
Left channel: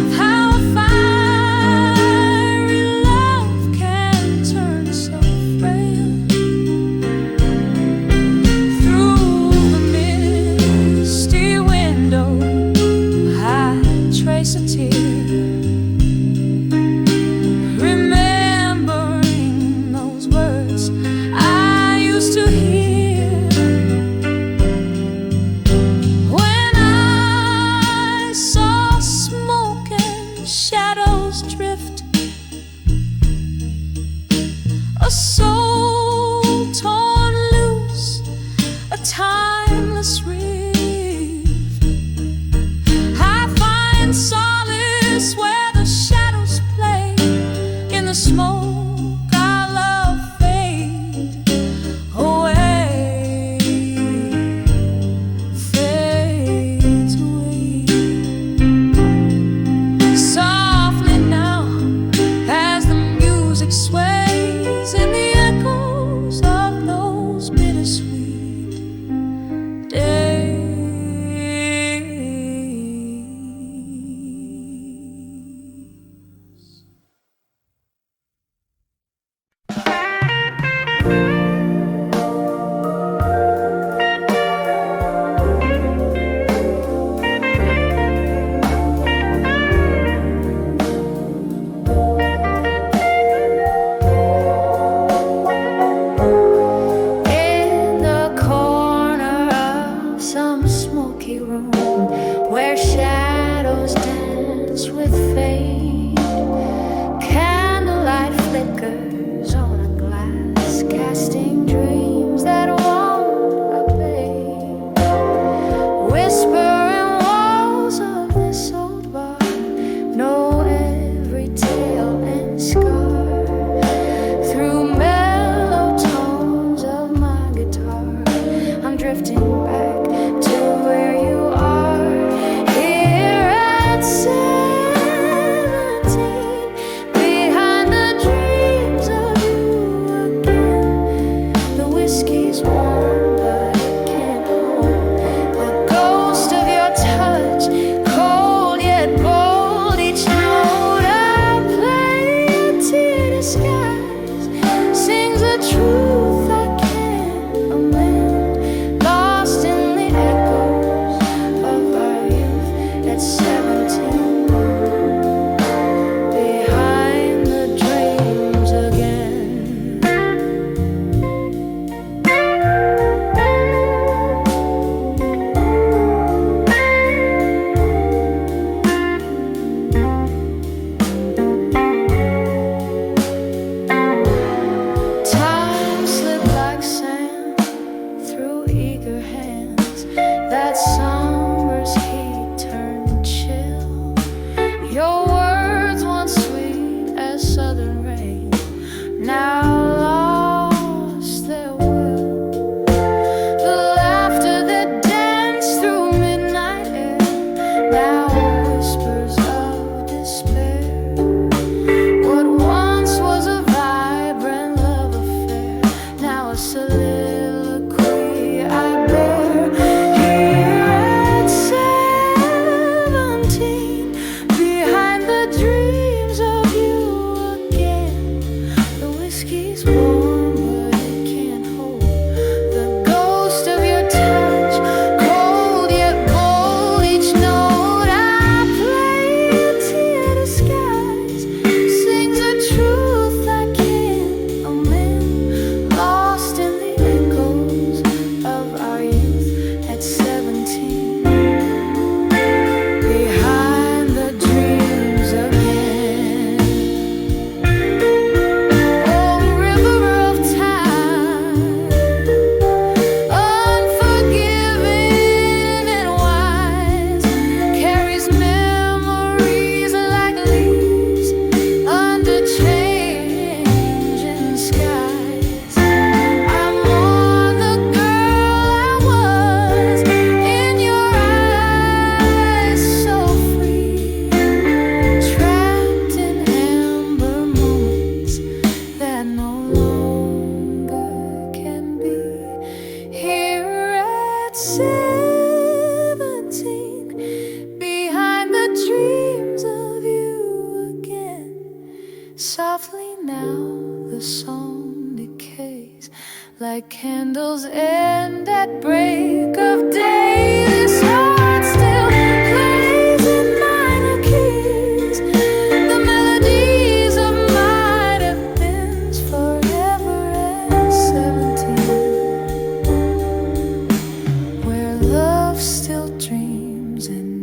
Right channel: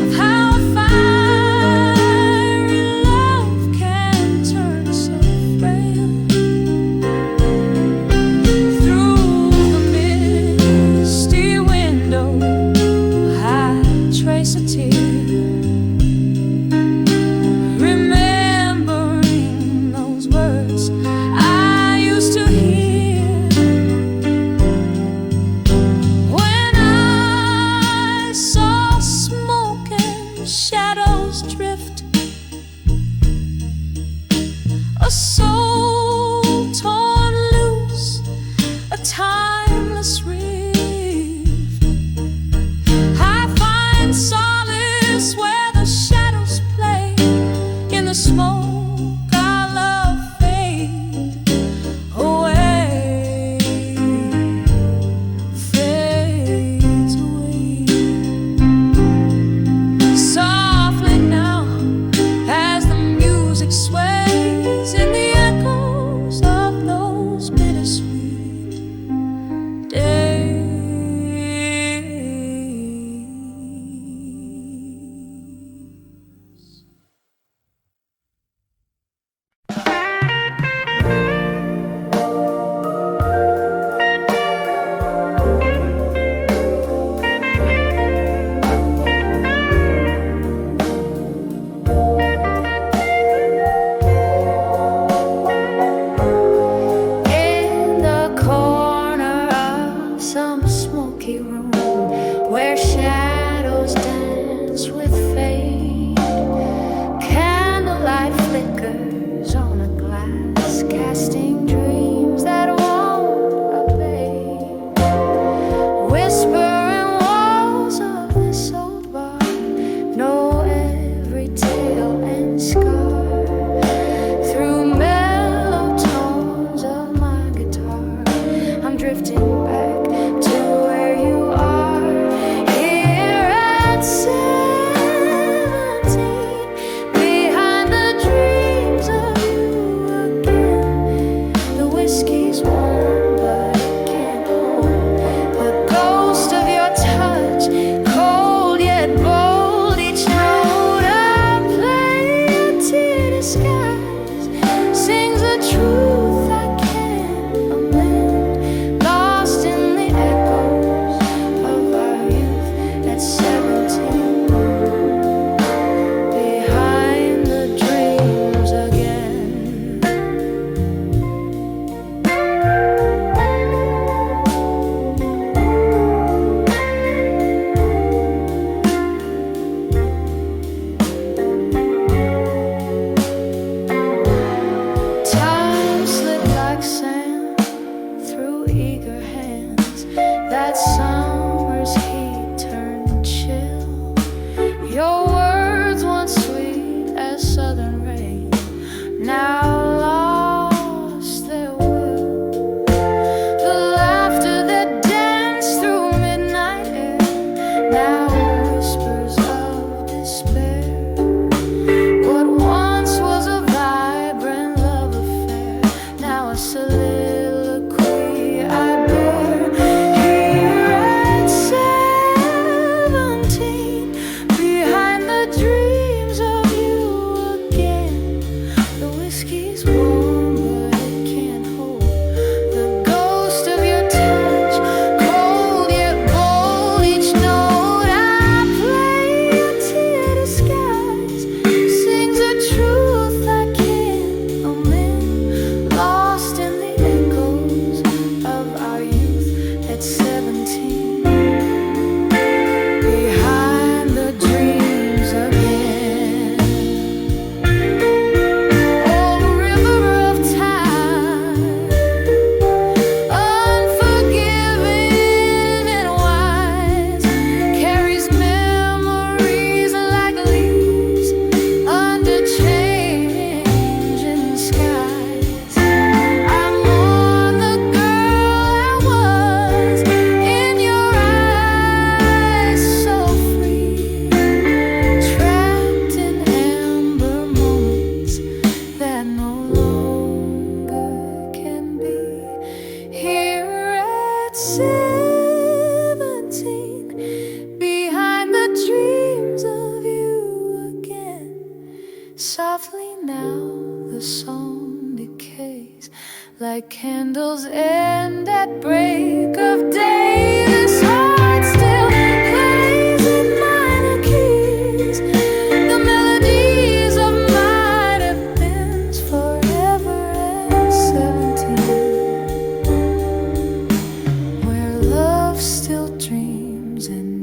of how a fiery love can turn so frail. Trace a tear, remembering those words I used to hear when I saw smoke and shadows drift, a soul torn loose, a timeless rift. Solid corner of some smoky room where shadows dance with fate. Candlelight flickers on a glass, casting dreams that won't abate. Whispering walls of this old bar know every tale and scar. Through mellow tones of my guitar, I'm drifting back to where you are. Here at 17, behind the dreams of you again. The whiskey's warm, but it can't hold the ghost of your touch, cold yet bold. Each note I play, a tear disguise, sings a truth I can't amend, lost in the echoes of our youth at 17, behind the dreams again. Time slipped like sand through eager hands. That summer's heat turned chill. Your words once sweet as southern rain, now lost their will. The laughter that danced through midnight air, now whispers of despair. What once was a vibrant love affair, now a soliloquy I bear. Here at 17, behind the dreams of you again. The whiskey's warm, but it can't hold the ghost of your touch, cold yet bold. Each note I play, a tear disguise, sings a truth I can't amend, lost in the echoes of our youth at 17, behind the dreams again. Oh, river of time, unforgiving and wise, carries memories like leaves under changing skies. I mourn the girl I was in your eyes, so free, trapped in amber moments that no longer can be. Here at 17, behind the dreams of you again. Softly now the song decays, like candles end at break of day. This heart still plays in minor keys, the melodies of might have been forever at 17, where love still dreams and